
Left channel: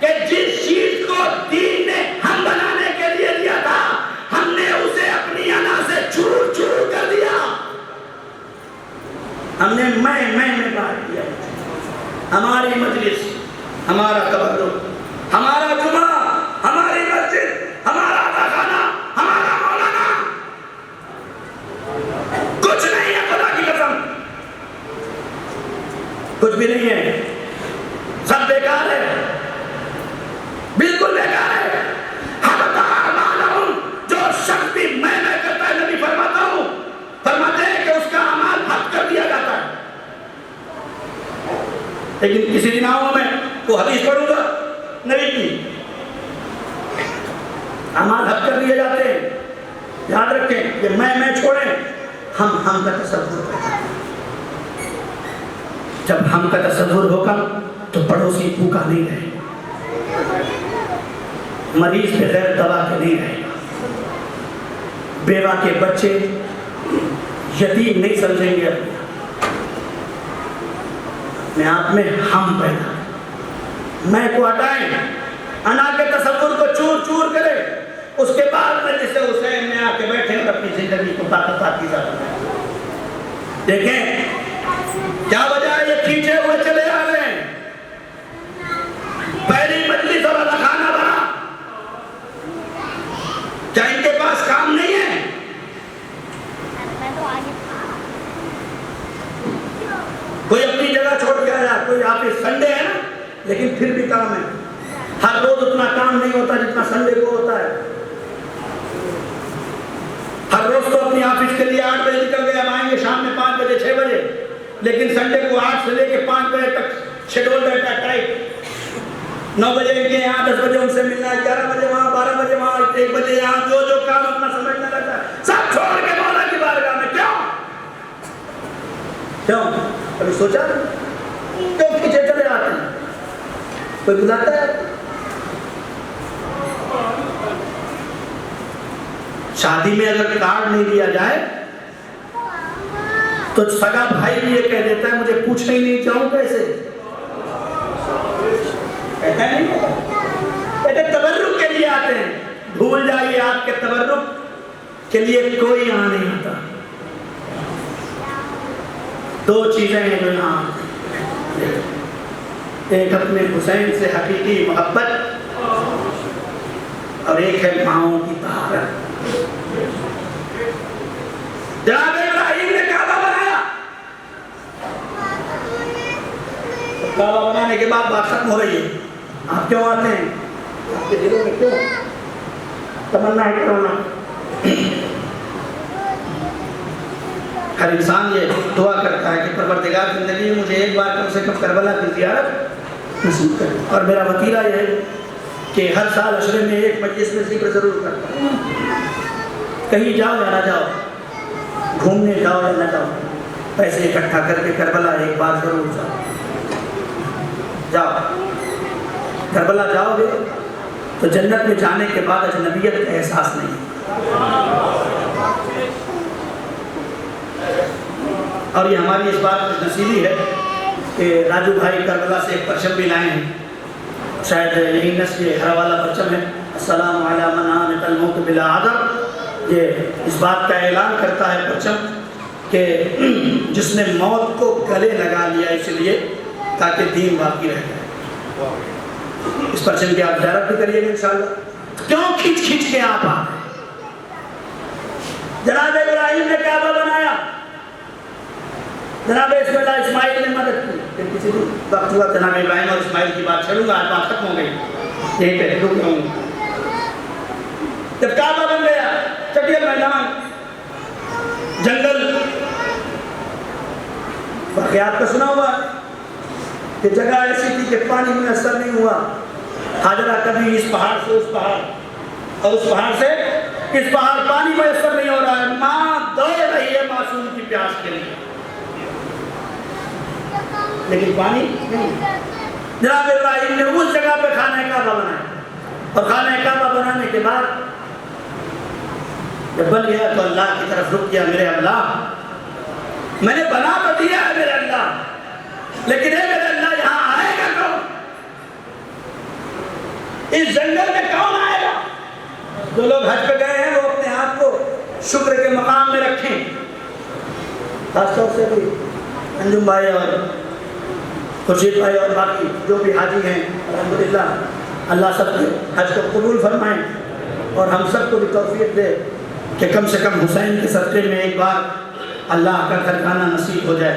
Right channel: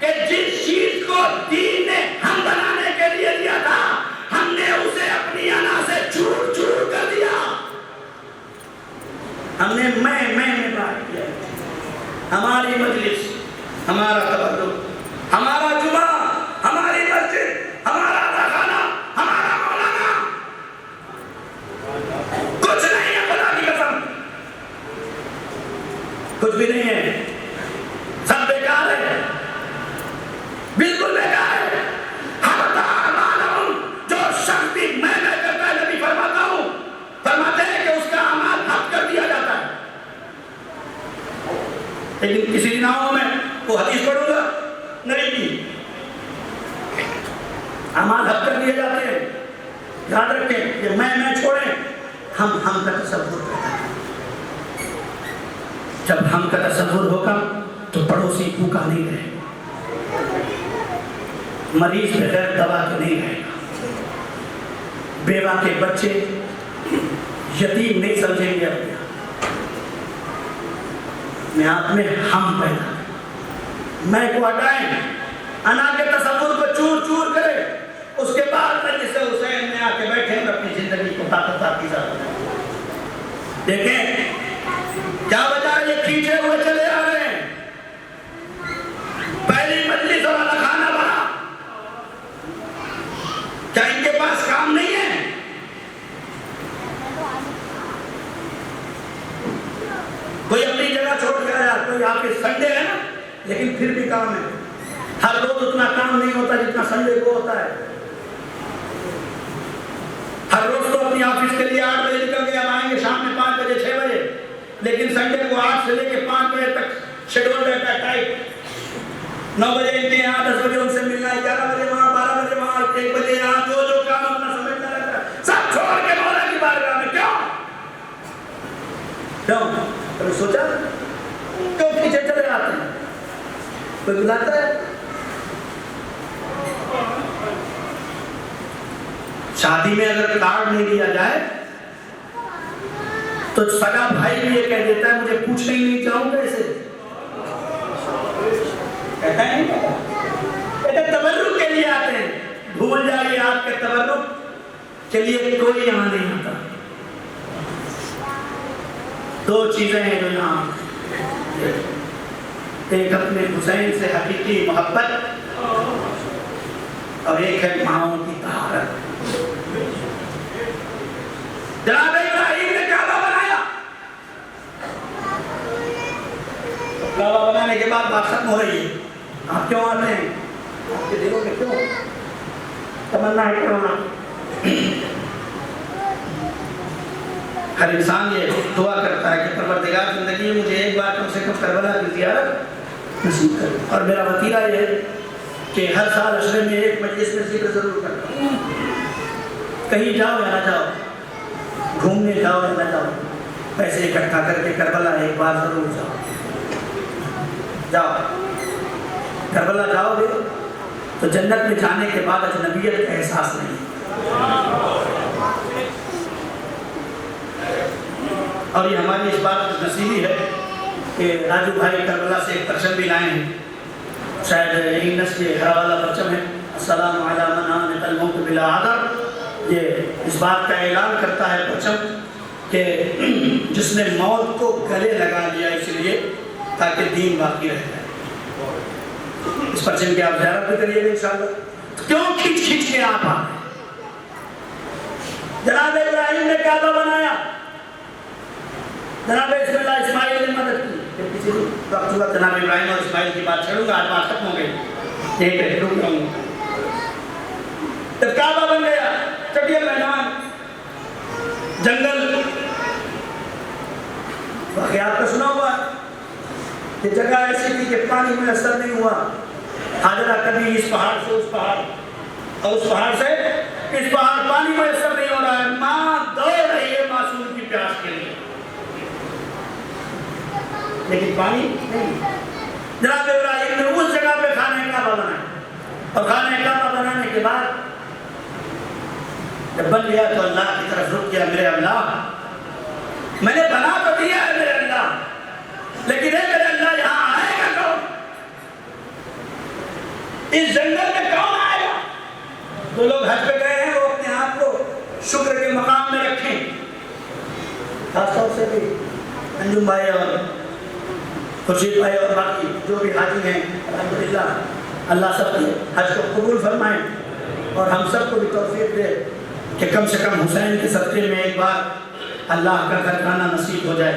کہ جس چیز کو دین نے ہم بنانے کے لیے دیا تھا, ہم نے اسے اپنی انا سے چور چور کر دیا. ہم نے میں بات کیا. ہماری مجلس, ہمارا تبرک, ہمارا جمعہ, ہماری مسجد, ہمارا خانہ, ہمارا مولانا, کچھ نہیں ہے. خدا کی قسم کچھ بھی نہیں ہے. سب بیکار ہے, بالکل بیکار ہے. جو شخص بھی میں کرتا ہے, نبی فرماتے ہیں کہ اس کا اعمال حق کر دیا جاتا ہے. لیکن کسی دن آؤں میں وہ حدیث پڑھوں گا نہیں کی, اعمال حق کر دیے جاتے ہیں. یاد رکھیں, یہ میں چھوڑیں, ہم کا تصور کرتے ہیں. جب ہم کا تصور ہوگا تو پڑوسی بھوکا نہیں رہے گا, مریض بغیر دوا کے نہیں رہے گا, بیوہ کے بچے یتیم نہیں سمجھیں گے. اپنے آپ میں ہم پیدا, میں کو ہٹائیں, انا کے تصور کو چور چور کرے. اس کے بعد میں جسے حسین میں آ کے بیٹھے اور اپنی زندگی کو طاقت کی ضرورت. دیکھیں کیا وجہ ہے, یہ کھینچے ہوئے چلے آ رہے ہیں. پہلی مجلس اور خانہ بنا, کیا ان کے پاس کام نہیں ہے؟ کوئی اپنی جگہ چھوڑ کے آیا, کوئی آفس سنڈے ہے نا, لیکن پھر بھی کام ہے. ہر روز اتنا کام نہیں ہوتا جتنا سنڈے کو ہوتا ہے. ہر روز تو اپنی آفس کے لیے 8 بجے نکل گئے, آئیں گے شام میں 5 بجے 6 بجے, لیکن سنڈے کو 8 سے لے کے 5 بجے تک شیڈول رہتا ہے ٹائٹ. 9 بجے ان کے یہاں, 10 بجے ان سے ملنا ہے, 11 بجے وہاں, 12 بجے وہاں, 1 بجے یہاں, جو کام اپنا سمجھنا رہتا ہے سب چھوڑ کے مولا کی بارگاہ میں. کیوں کبھی سوچا کیوں پیچھے چلے آتے ہیں؟ کوئی بلاتا ہے؟ شادی میں اگر کارڈ نہیں دیا جائے تو سگا بھائی بھی یہ کہہ دیتا ہے مجھے پوچھنا ہی نہیں چاہوں کیسے. کہتا ہے نہیں کہتے تبرک کے لیے آتے ہیں. بھول جائیے آپ کے تبرک کے لیے کوئی یہاں نہیں آتا. 2 چیزیں ہیں جو یہاں آتے ہیں, ایک اپنے حسین سے حقیقی محبت اور ایک ہے ماؤں کی طہارت. جناب ابراہیم نے کعبہ بنایا, کعبہ بنانے کے بعد بات ختم ہو رہی ہے. آپ کیوں آتے ہیں؟ آپ کے دلوں میں کیوں تمنا ہے کرنا؟ ہر انسان یہ دعا کرتا ہے کہ پروردگار زندگی میں مجھے ایک بار کم سے کم کربلا کی زیارت نصیب کرے. اور میرا وتیرہ یہ ہے کہ ہر سال عشرے میں ایک مجلس میں ذکر ضرور کرتا ہوں. کہیں جاؤ یا نہ جاؤ, گھومنے جاؤ یا نہ جاؤ, پیسے اکٹھا کر کے کربلا ایک بار ضرور جاؤ. کربلا جاؤ گے تو جنت میں جانے کے بعد اجنبیت کا احساس نہیں. اور یہ ہماری اس بات کی نصیبی ہے کہ راجو بھائی کربلا سے ایک پرچم بھی لائے ہیں، شاید یہی نسل ہر والا پرچم ہے، السلام علی من آمن الموت بلا عذر۔ یہ اس بات کا اعلان کرتا ہے پرچم کہ جس نے موت کو گلے لگا لیا اس لیے تاکہ دین باقی رہ جائے۔ اس پرچم کی آپ زیارت بھی کریے گا انشاءاللہ۔ کیوں کھینچ کھینچ کے آپ آئے؟ جناب ابراہیم نے کعبہ بنایا، جناب اسماعیل نے مدد کی، پھر کسی بھی وقت ہوا جناب ابراہیم اور اسماعیل کی بات چھڑوں گا، آج بات ختم ہو گئی، یہیں پہ رک رہا ہوں۔ جب کعبہ بن گیا، چٹیا میدان، جنگل، واقعات کا سنا ہوا ہے کہ جگہ ایسی تھی کہ پانی میسر نہیں ہوا، حاجرہ کبھی اس پہاڑ سے اس پہاڑ اور اس پہاڑ سے اس پہاڑ، پانی میسر نہیں ہو رہا ہے، ماں دوڑ رہی ہے معصوم کی پیاس کے لیے، لیکن پانی نہیں۔ جناب ابراہیم نے اس جگہ پہ خانہ کعبہ بنایا، اور خانہ کعبہ بنانے کے بعد جب بن گیا تو اللہ کی طرف رک گیا، میرے اللہ میں نے بنا تو دیا ہے میرے اللہ، لیکن اے میرے اللہ یہاں آئے گا کون؟ اس جنگل میں کون آئے گا؟ جو لوگ حج پہ گئے ہیں وہ اپنے آپ کو شکر کے مقام میں رکھیں، خاص طور سے بھی انجم بھائی اور خورشید بھائی اور باقی جو بھی حاجی ہیں، الحمدللہ اللہ سب کے حج کو قبول فرمائیں، اور ہم سب کو بھی توفیق دے کہ کم سے کم حسین کے صدقے میں ایک بار اللہ کا گھر کھانا نصیب ہو جائے۔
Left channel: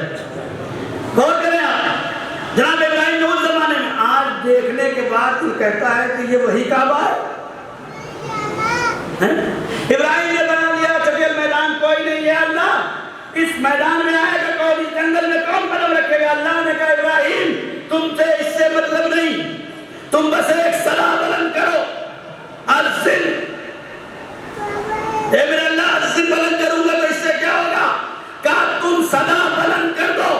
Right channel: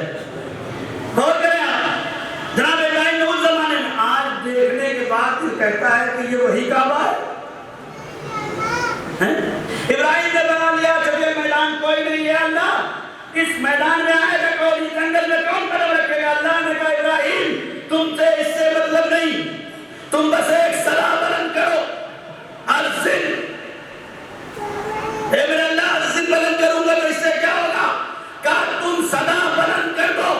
غور کریں آپ، جناب ابراہیم نے اس زمانے میں، آج دیکھنے کے بعد پھر کہتا ہے کہ یہ وہی کعبہ ہے۔ ابراہیم نے بنا لیا چٹیل میدان، کوئی نہیں ہے اللہ، اس میدان میں آئے گا کوئی، جنگل میں کون قدم رکھے گا؟ اللہ نے کہا ابراہیم تم سے اس سے مطلب نہیں، تم بس ایک صدا بلند کرو، ارسل، اے میرے اللہ ارسل بلند کروں گا تو اس سے کیا ہوگا؟ کہا تم صدا بلند کر دو،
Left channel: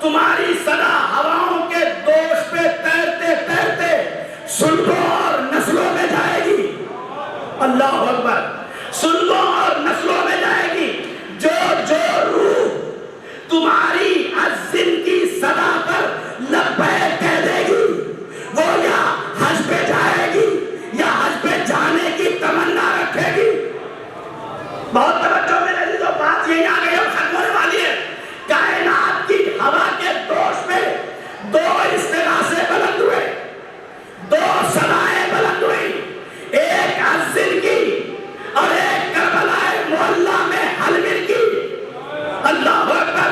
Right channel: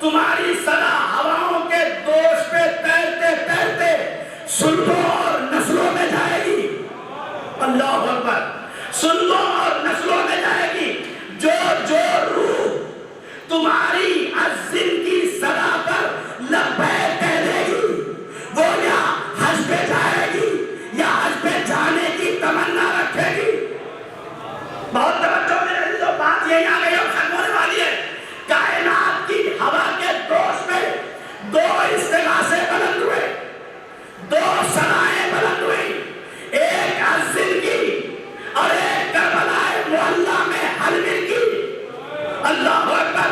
تمہاری صدا ہواؤں کے دوش پہ تیرتے تیرتے سلگوں اور نسلوں میں جائے گی، اللہ اکبر، سلگوں اور نسلوں میں جائے گی، جو جو روح تمہاری عزم کی صدا پر لبیک کہہ دے گی، وہ یا حج پہ جائے گی یا حج پہ جانے کی تمنا رکھے گی۔ بہت توجہ میرے عزیزو، بات یہی آ گئی اور ختم ہونے والی ہے۔ کائنات کی ہوا کے دوش میں دو استغاثے بلند ہوئے، دو صدائیں بلند ہوئی، ایک عزم کی اور ایک کربلا معلیٰ میں حلمل کی، اللہ اکبر،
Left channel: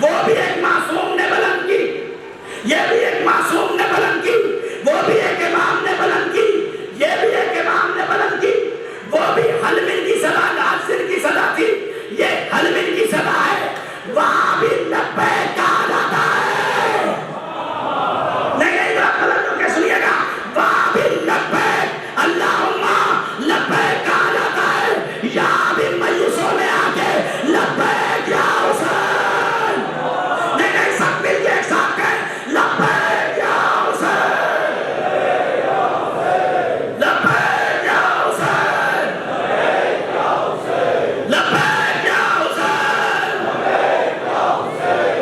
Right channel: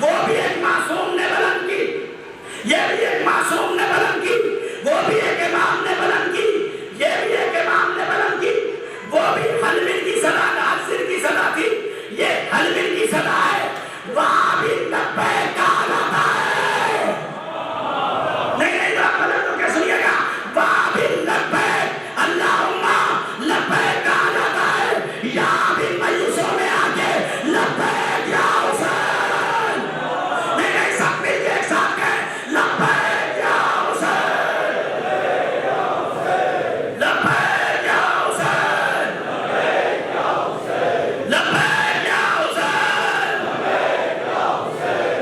وہ بھی ایک معصوم نے بلند کی، یہ بھی ایک معصوم نے بلند کی، وہ بھی ایک امام نے بلند کی، یہ بھی ایک امام نے بلند کی، وہ بھی حلمل کی صدا، عزم کی صدا تھی، یہ حلمل کی صدا ہے، وہاں بھی لبیک کہا جاتا ہے، لیکن ادھر غلط تو کیا سنیے گا، وہاں بھی لبیک اللہم لبیک کہا جاتا ہے، یہاں بھی میوسوں میں آ کے لبیک یا حسین، لیکن سب مل کے ایک ساتھ کہیں لبیک یا حسین، لبیک یا حسین، لبیک یا حسین،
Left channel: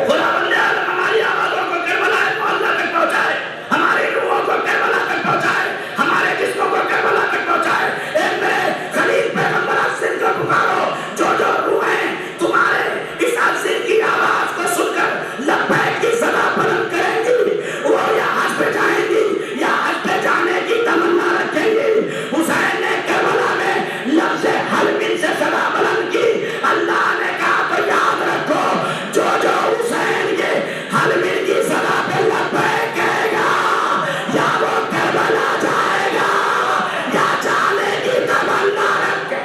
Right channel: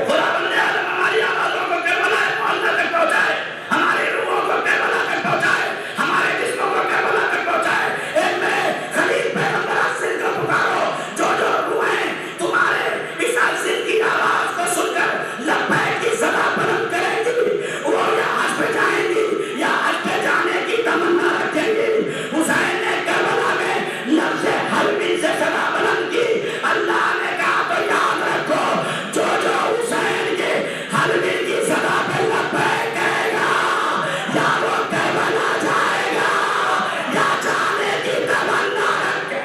خدا بندے عالم ہماری آوازوں کو کربلا معلیٰ تک پہنچائے، ہماری روحوں کو کربلا تک پہنچائے، ہمارے جسموں کو کربلا تک پہنچائے۔ ایک میرے خلیل پیغمبر عزم کو پکارو، جو جو روحیں تمہارے اس عزم کی آواز کو سن کر لبیک کی صدا بلند کریں گی، وہ یا حج پہ جائیں گی یا حج پہ جانے کی تمنا رکھیں گی۔ حسین نے کربلا میں لفظ حلمل سے صدا بلند کی، اللہ نے کہا تو یاد رکھو، جو جو حسین کے حلمل کی صدا پہ لبیک کہے گا، یا وہ کربلا جائے گا یا جانے کی تمنا رکھے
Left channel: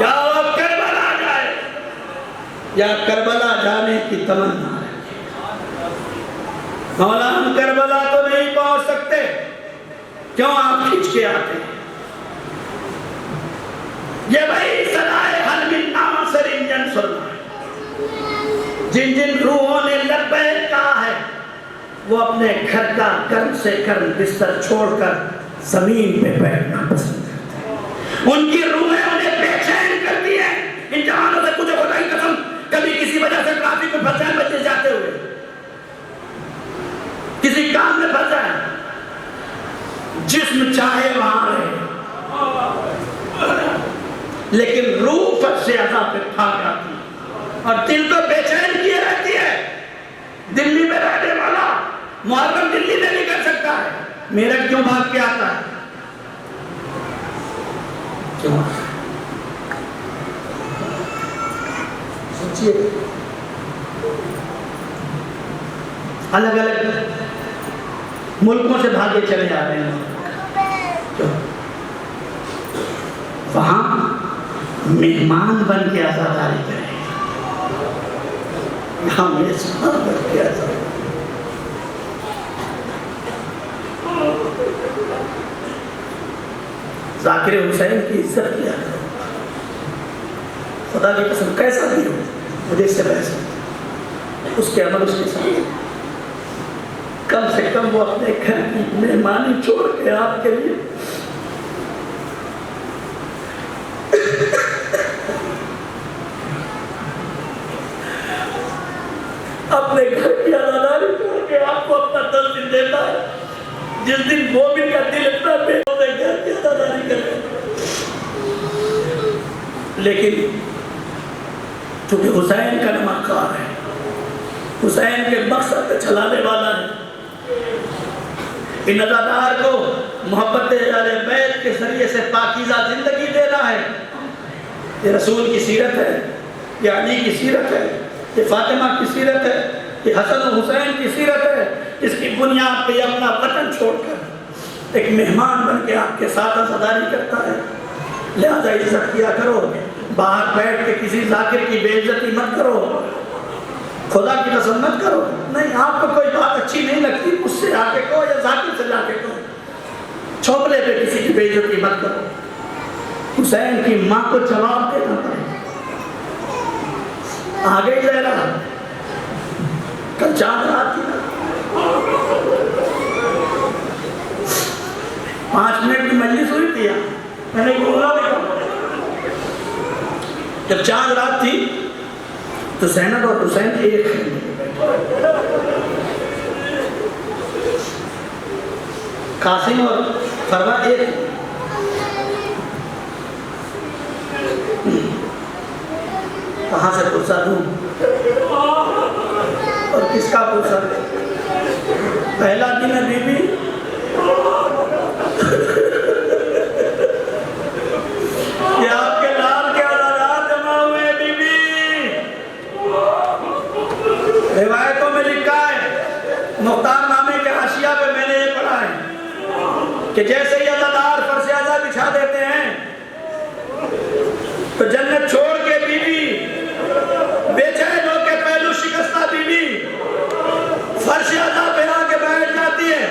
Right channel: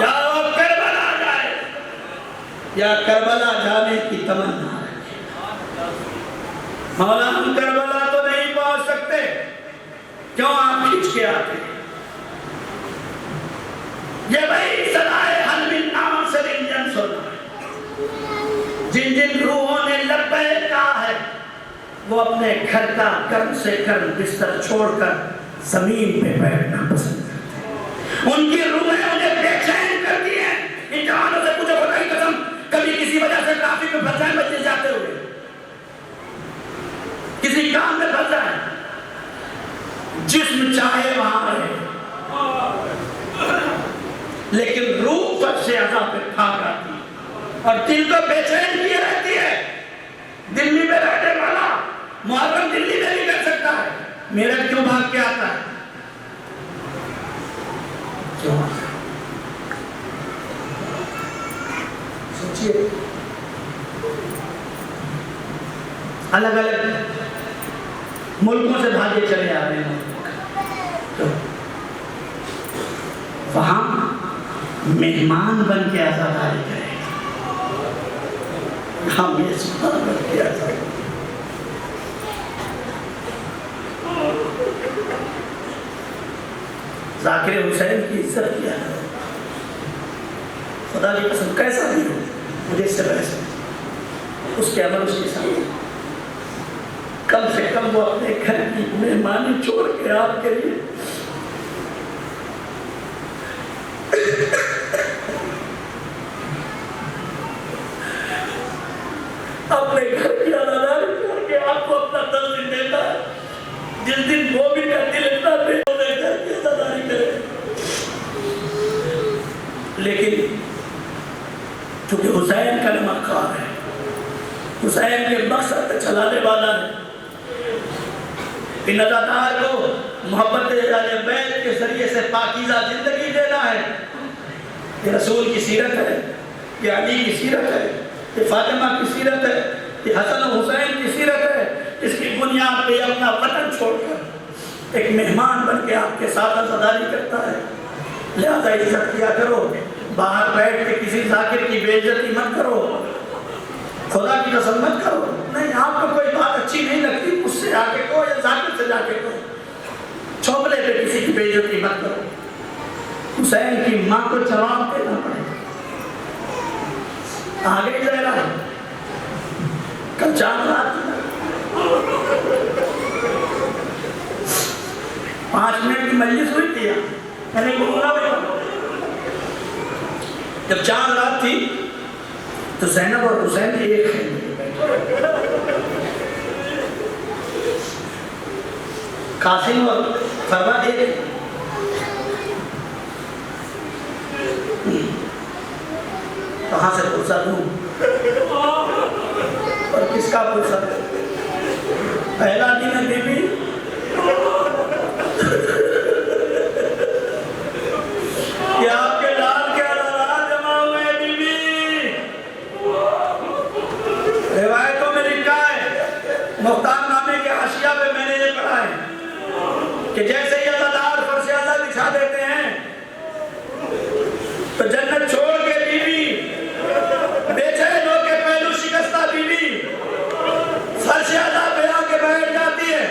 یا وہ کربلا جائے یا کربلا جانے کی تمنا رکھے۔ مولا ہم کربلا تو نہیں پہنچ سکتے، کیوں آپ کھینچ کے آتے ہیں؟ یہ وہی صدائے حلمل ناصر انجن سننا ہے، جن جن روحوں نے لبیک کہا ہے، وہ اپنے گھر کا کرم سے کرم بستر چھوڑ کر زمین پہ بیٹھنا پسند کرتے ہیں۔ ان کی روحیں انہیں بے چین کرتی ہیں. ان جوانوں سے پوچھو خدا کی قسم کبھی کسی وجہ سے ٹریفک میں پھنسے ہیں بچے جاتے ہوئے, کسی کام میں پھنسا ہے, جسم چاہے وہاں رہے لیکن روح فرش عذاب پہ پھانک آتی اور دل کو بے چین کیے رہتی ہے. دلی میں رہنے والا محرم دلی میں نہیں کر سکتا ہے, میرا کیوں بھاگ کے آتا ہے؟ کیوں؟ سوچئے الگ الگ ملکوں سے بھاگے چلے آ رہے ہیں, وہاں مہمان بن کے آزاداری کریں, یہاں میزبان بن کے آزاداری. ذاکر حسین کی عزت کیا خدا کی قسم, کیسا بھی ہو مجھے اس سے بحث ہے, اس کے عمل اس کے ساتھ کم سے کم وہ اپنے گھر کی مہمانی چھوڑ کے آپ کے لیے اپنے گھر کی عزاداری چھوڑ کے آپ کو اپنا تنظیم دیتا ہے. جس دن وہ بھی کا دل اتنا بے ہوتا ہے گھر کی عزاداری کرے, لیکن چونکہ حسین کا نمکار ہے, حسین کے مقصد پہ چلانے والا ہے, ان عزادار کو محبت اہل بیت کے ذریعے سے پاکیزہ زندگی دینا ہے. یہ رسول کی سیرت ہے, یہ علی کی سیرت ہے, یہ فاطمہ کی سیرت ہے, یہ حسن و حسین کی سیرت ہے, اس کی بنیاد پہ اپنا وطن چھوڑ کر ایک مہمان بن کے آپ کے ساتھ عزاداری کرتا ہے. لہذا عزت کیا کرو, باہر بیٹھ کے کسی ذاکر کی بے عزتی مت کرو, خدا کی قسم مت کرو. نہیں, آپ کو کوئی بات اچھی نہیں لگتی مجھ سے آ کے کہو یا ذاکر سے جا کے کہو, چھوپلے پہ کسی کی بے عزتی مت کرو. حسین کی ماں کو جواب دینا پڑے. آگے جا رہا کل چاند رات تھی, 5 منٹ کی مجلس ہوئی تھی, میں نے بولا جب چاند رات تھی تو زینب اور حسین کی ایک قاسم اور فرما ایک, کہاں سے پرسہ دوں اور کس کا پرسہ؟ پہلا دن ہے بی بی, کہ آپ کے لال کے عدالات جمع ہوئے بی بی. روایتوں میں لکھا ہے, مختار نامے کے حاشیہ پہ میں نے یہ پڑھا ہے کہ جیسے یہ عدالات فرش اعضا بچھا دیتے ہیں تو جنت چھوڑ کے بی بی بے چین ہو کے پہلو شکستہ بی بی فرش اعضا پہ آ کے بیٹھ جاتی ہے.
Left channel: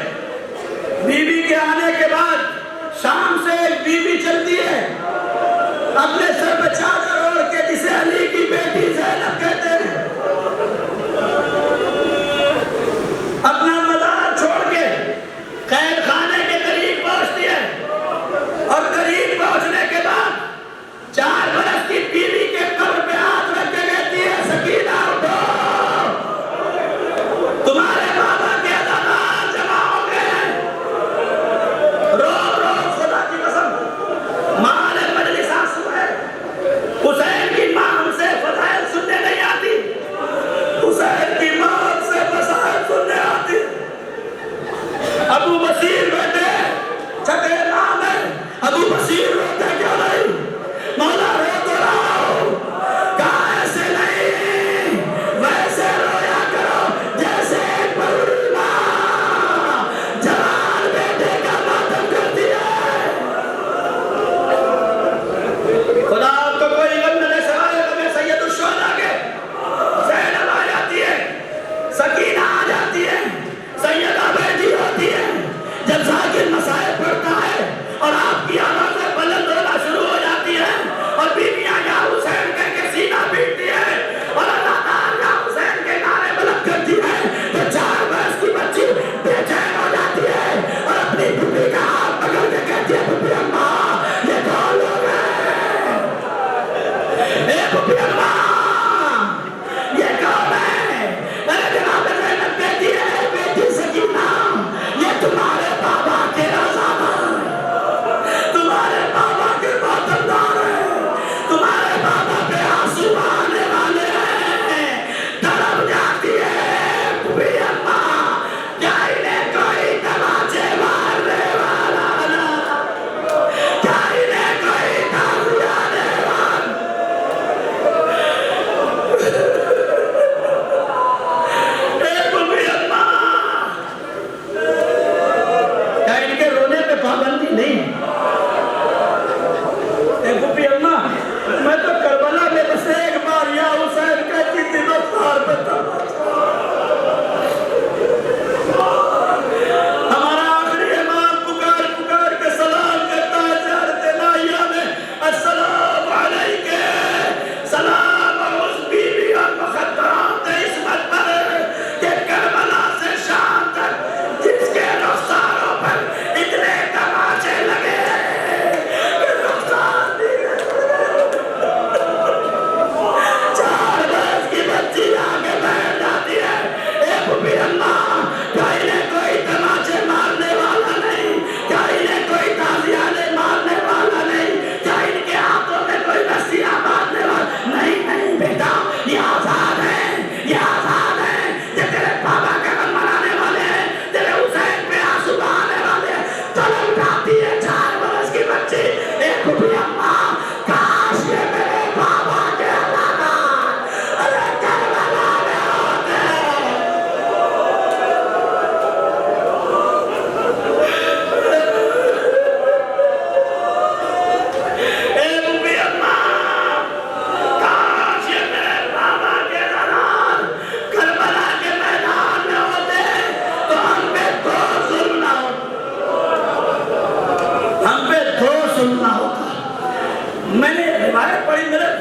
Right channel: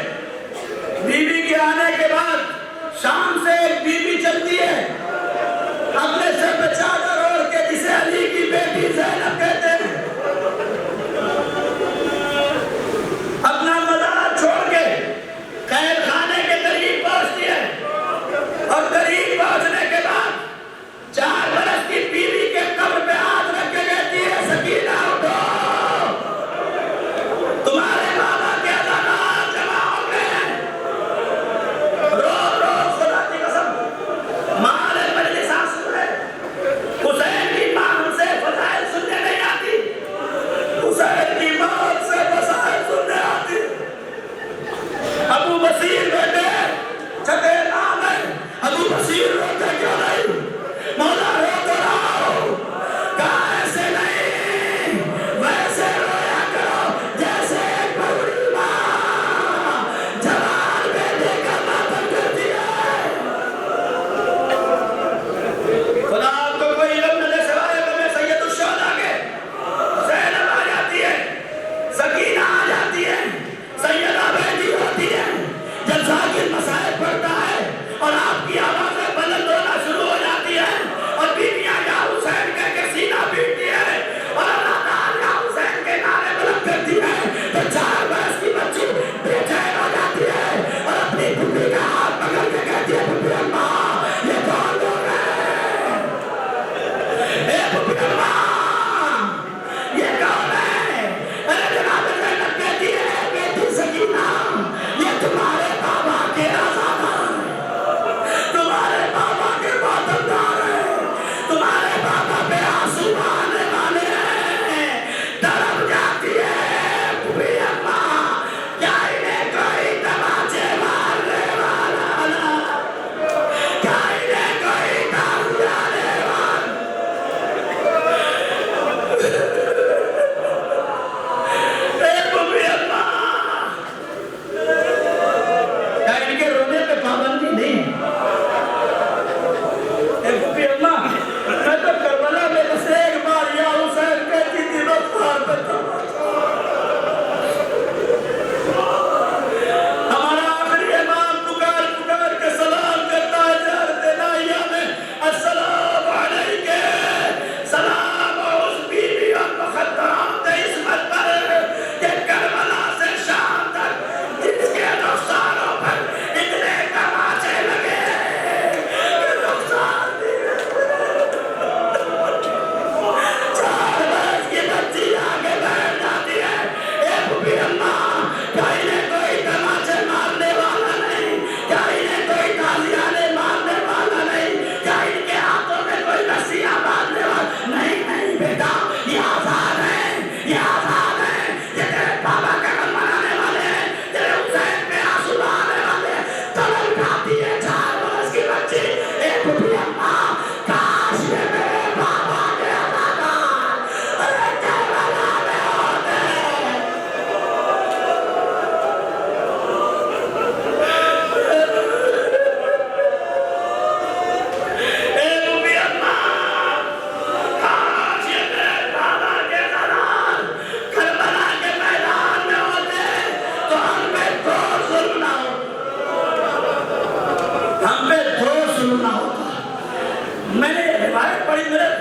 بڑی میرے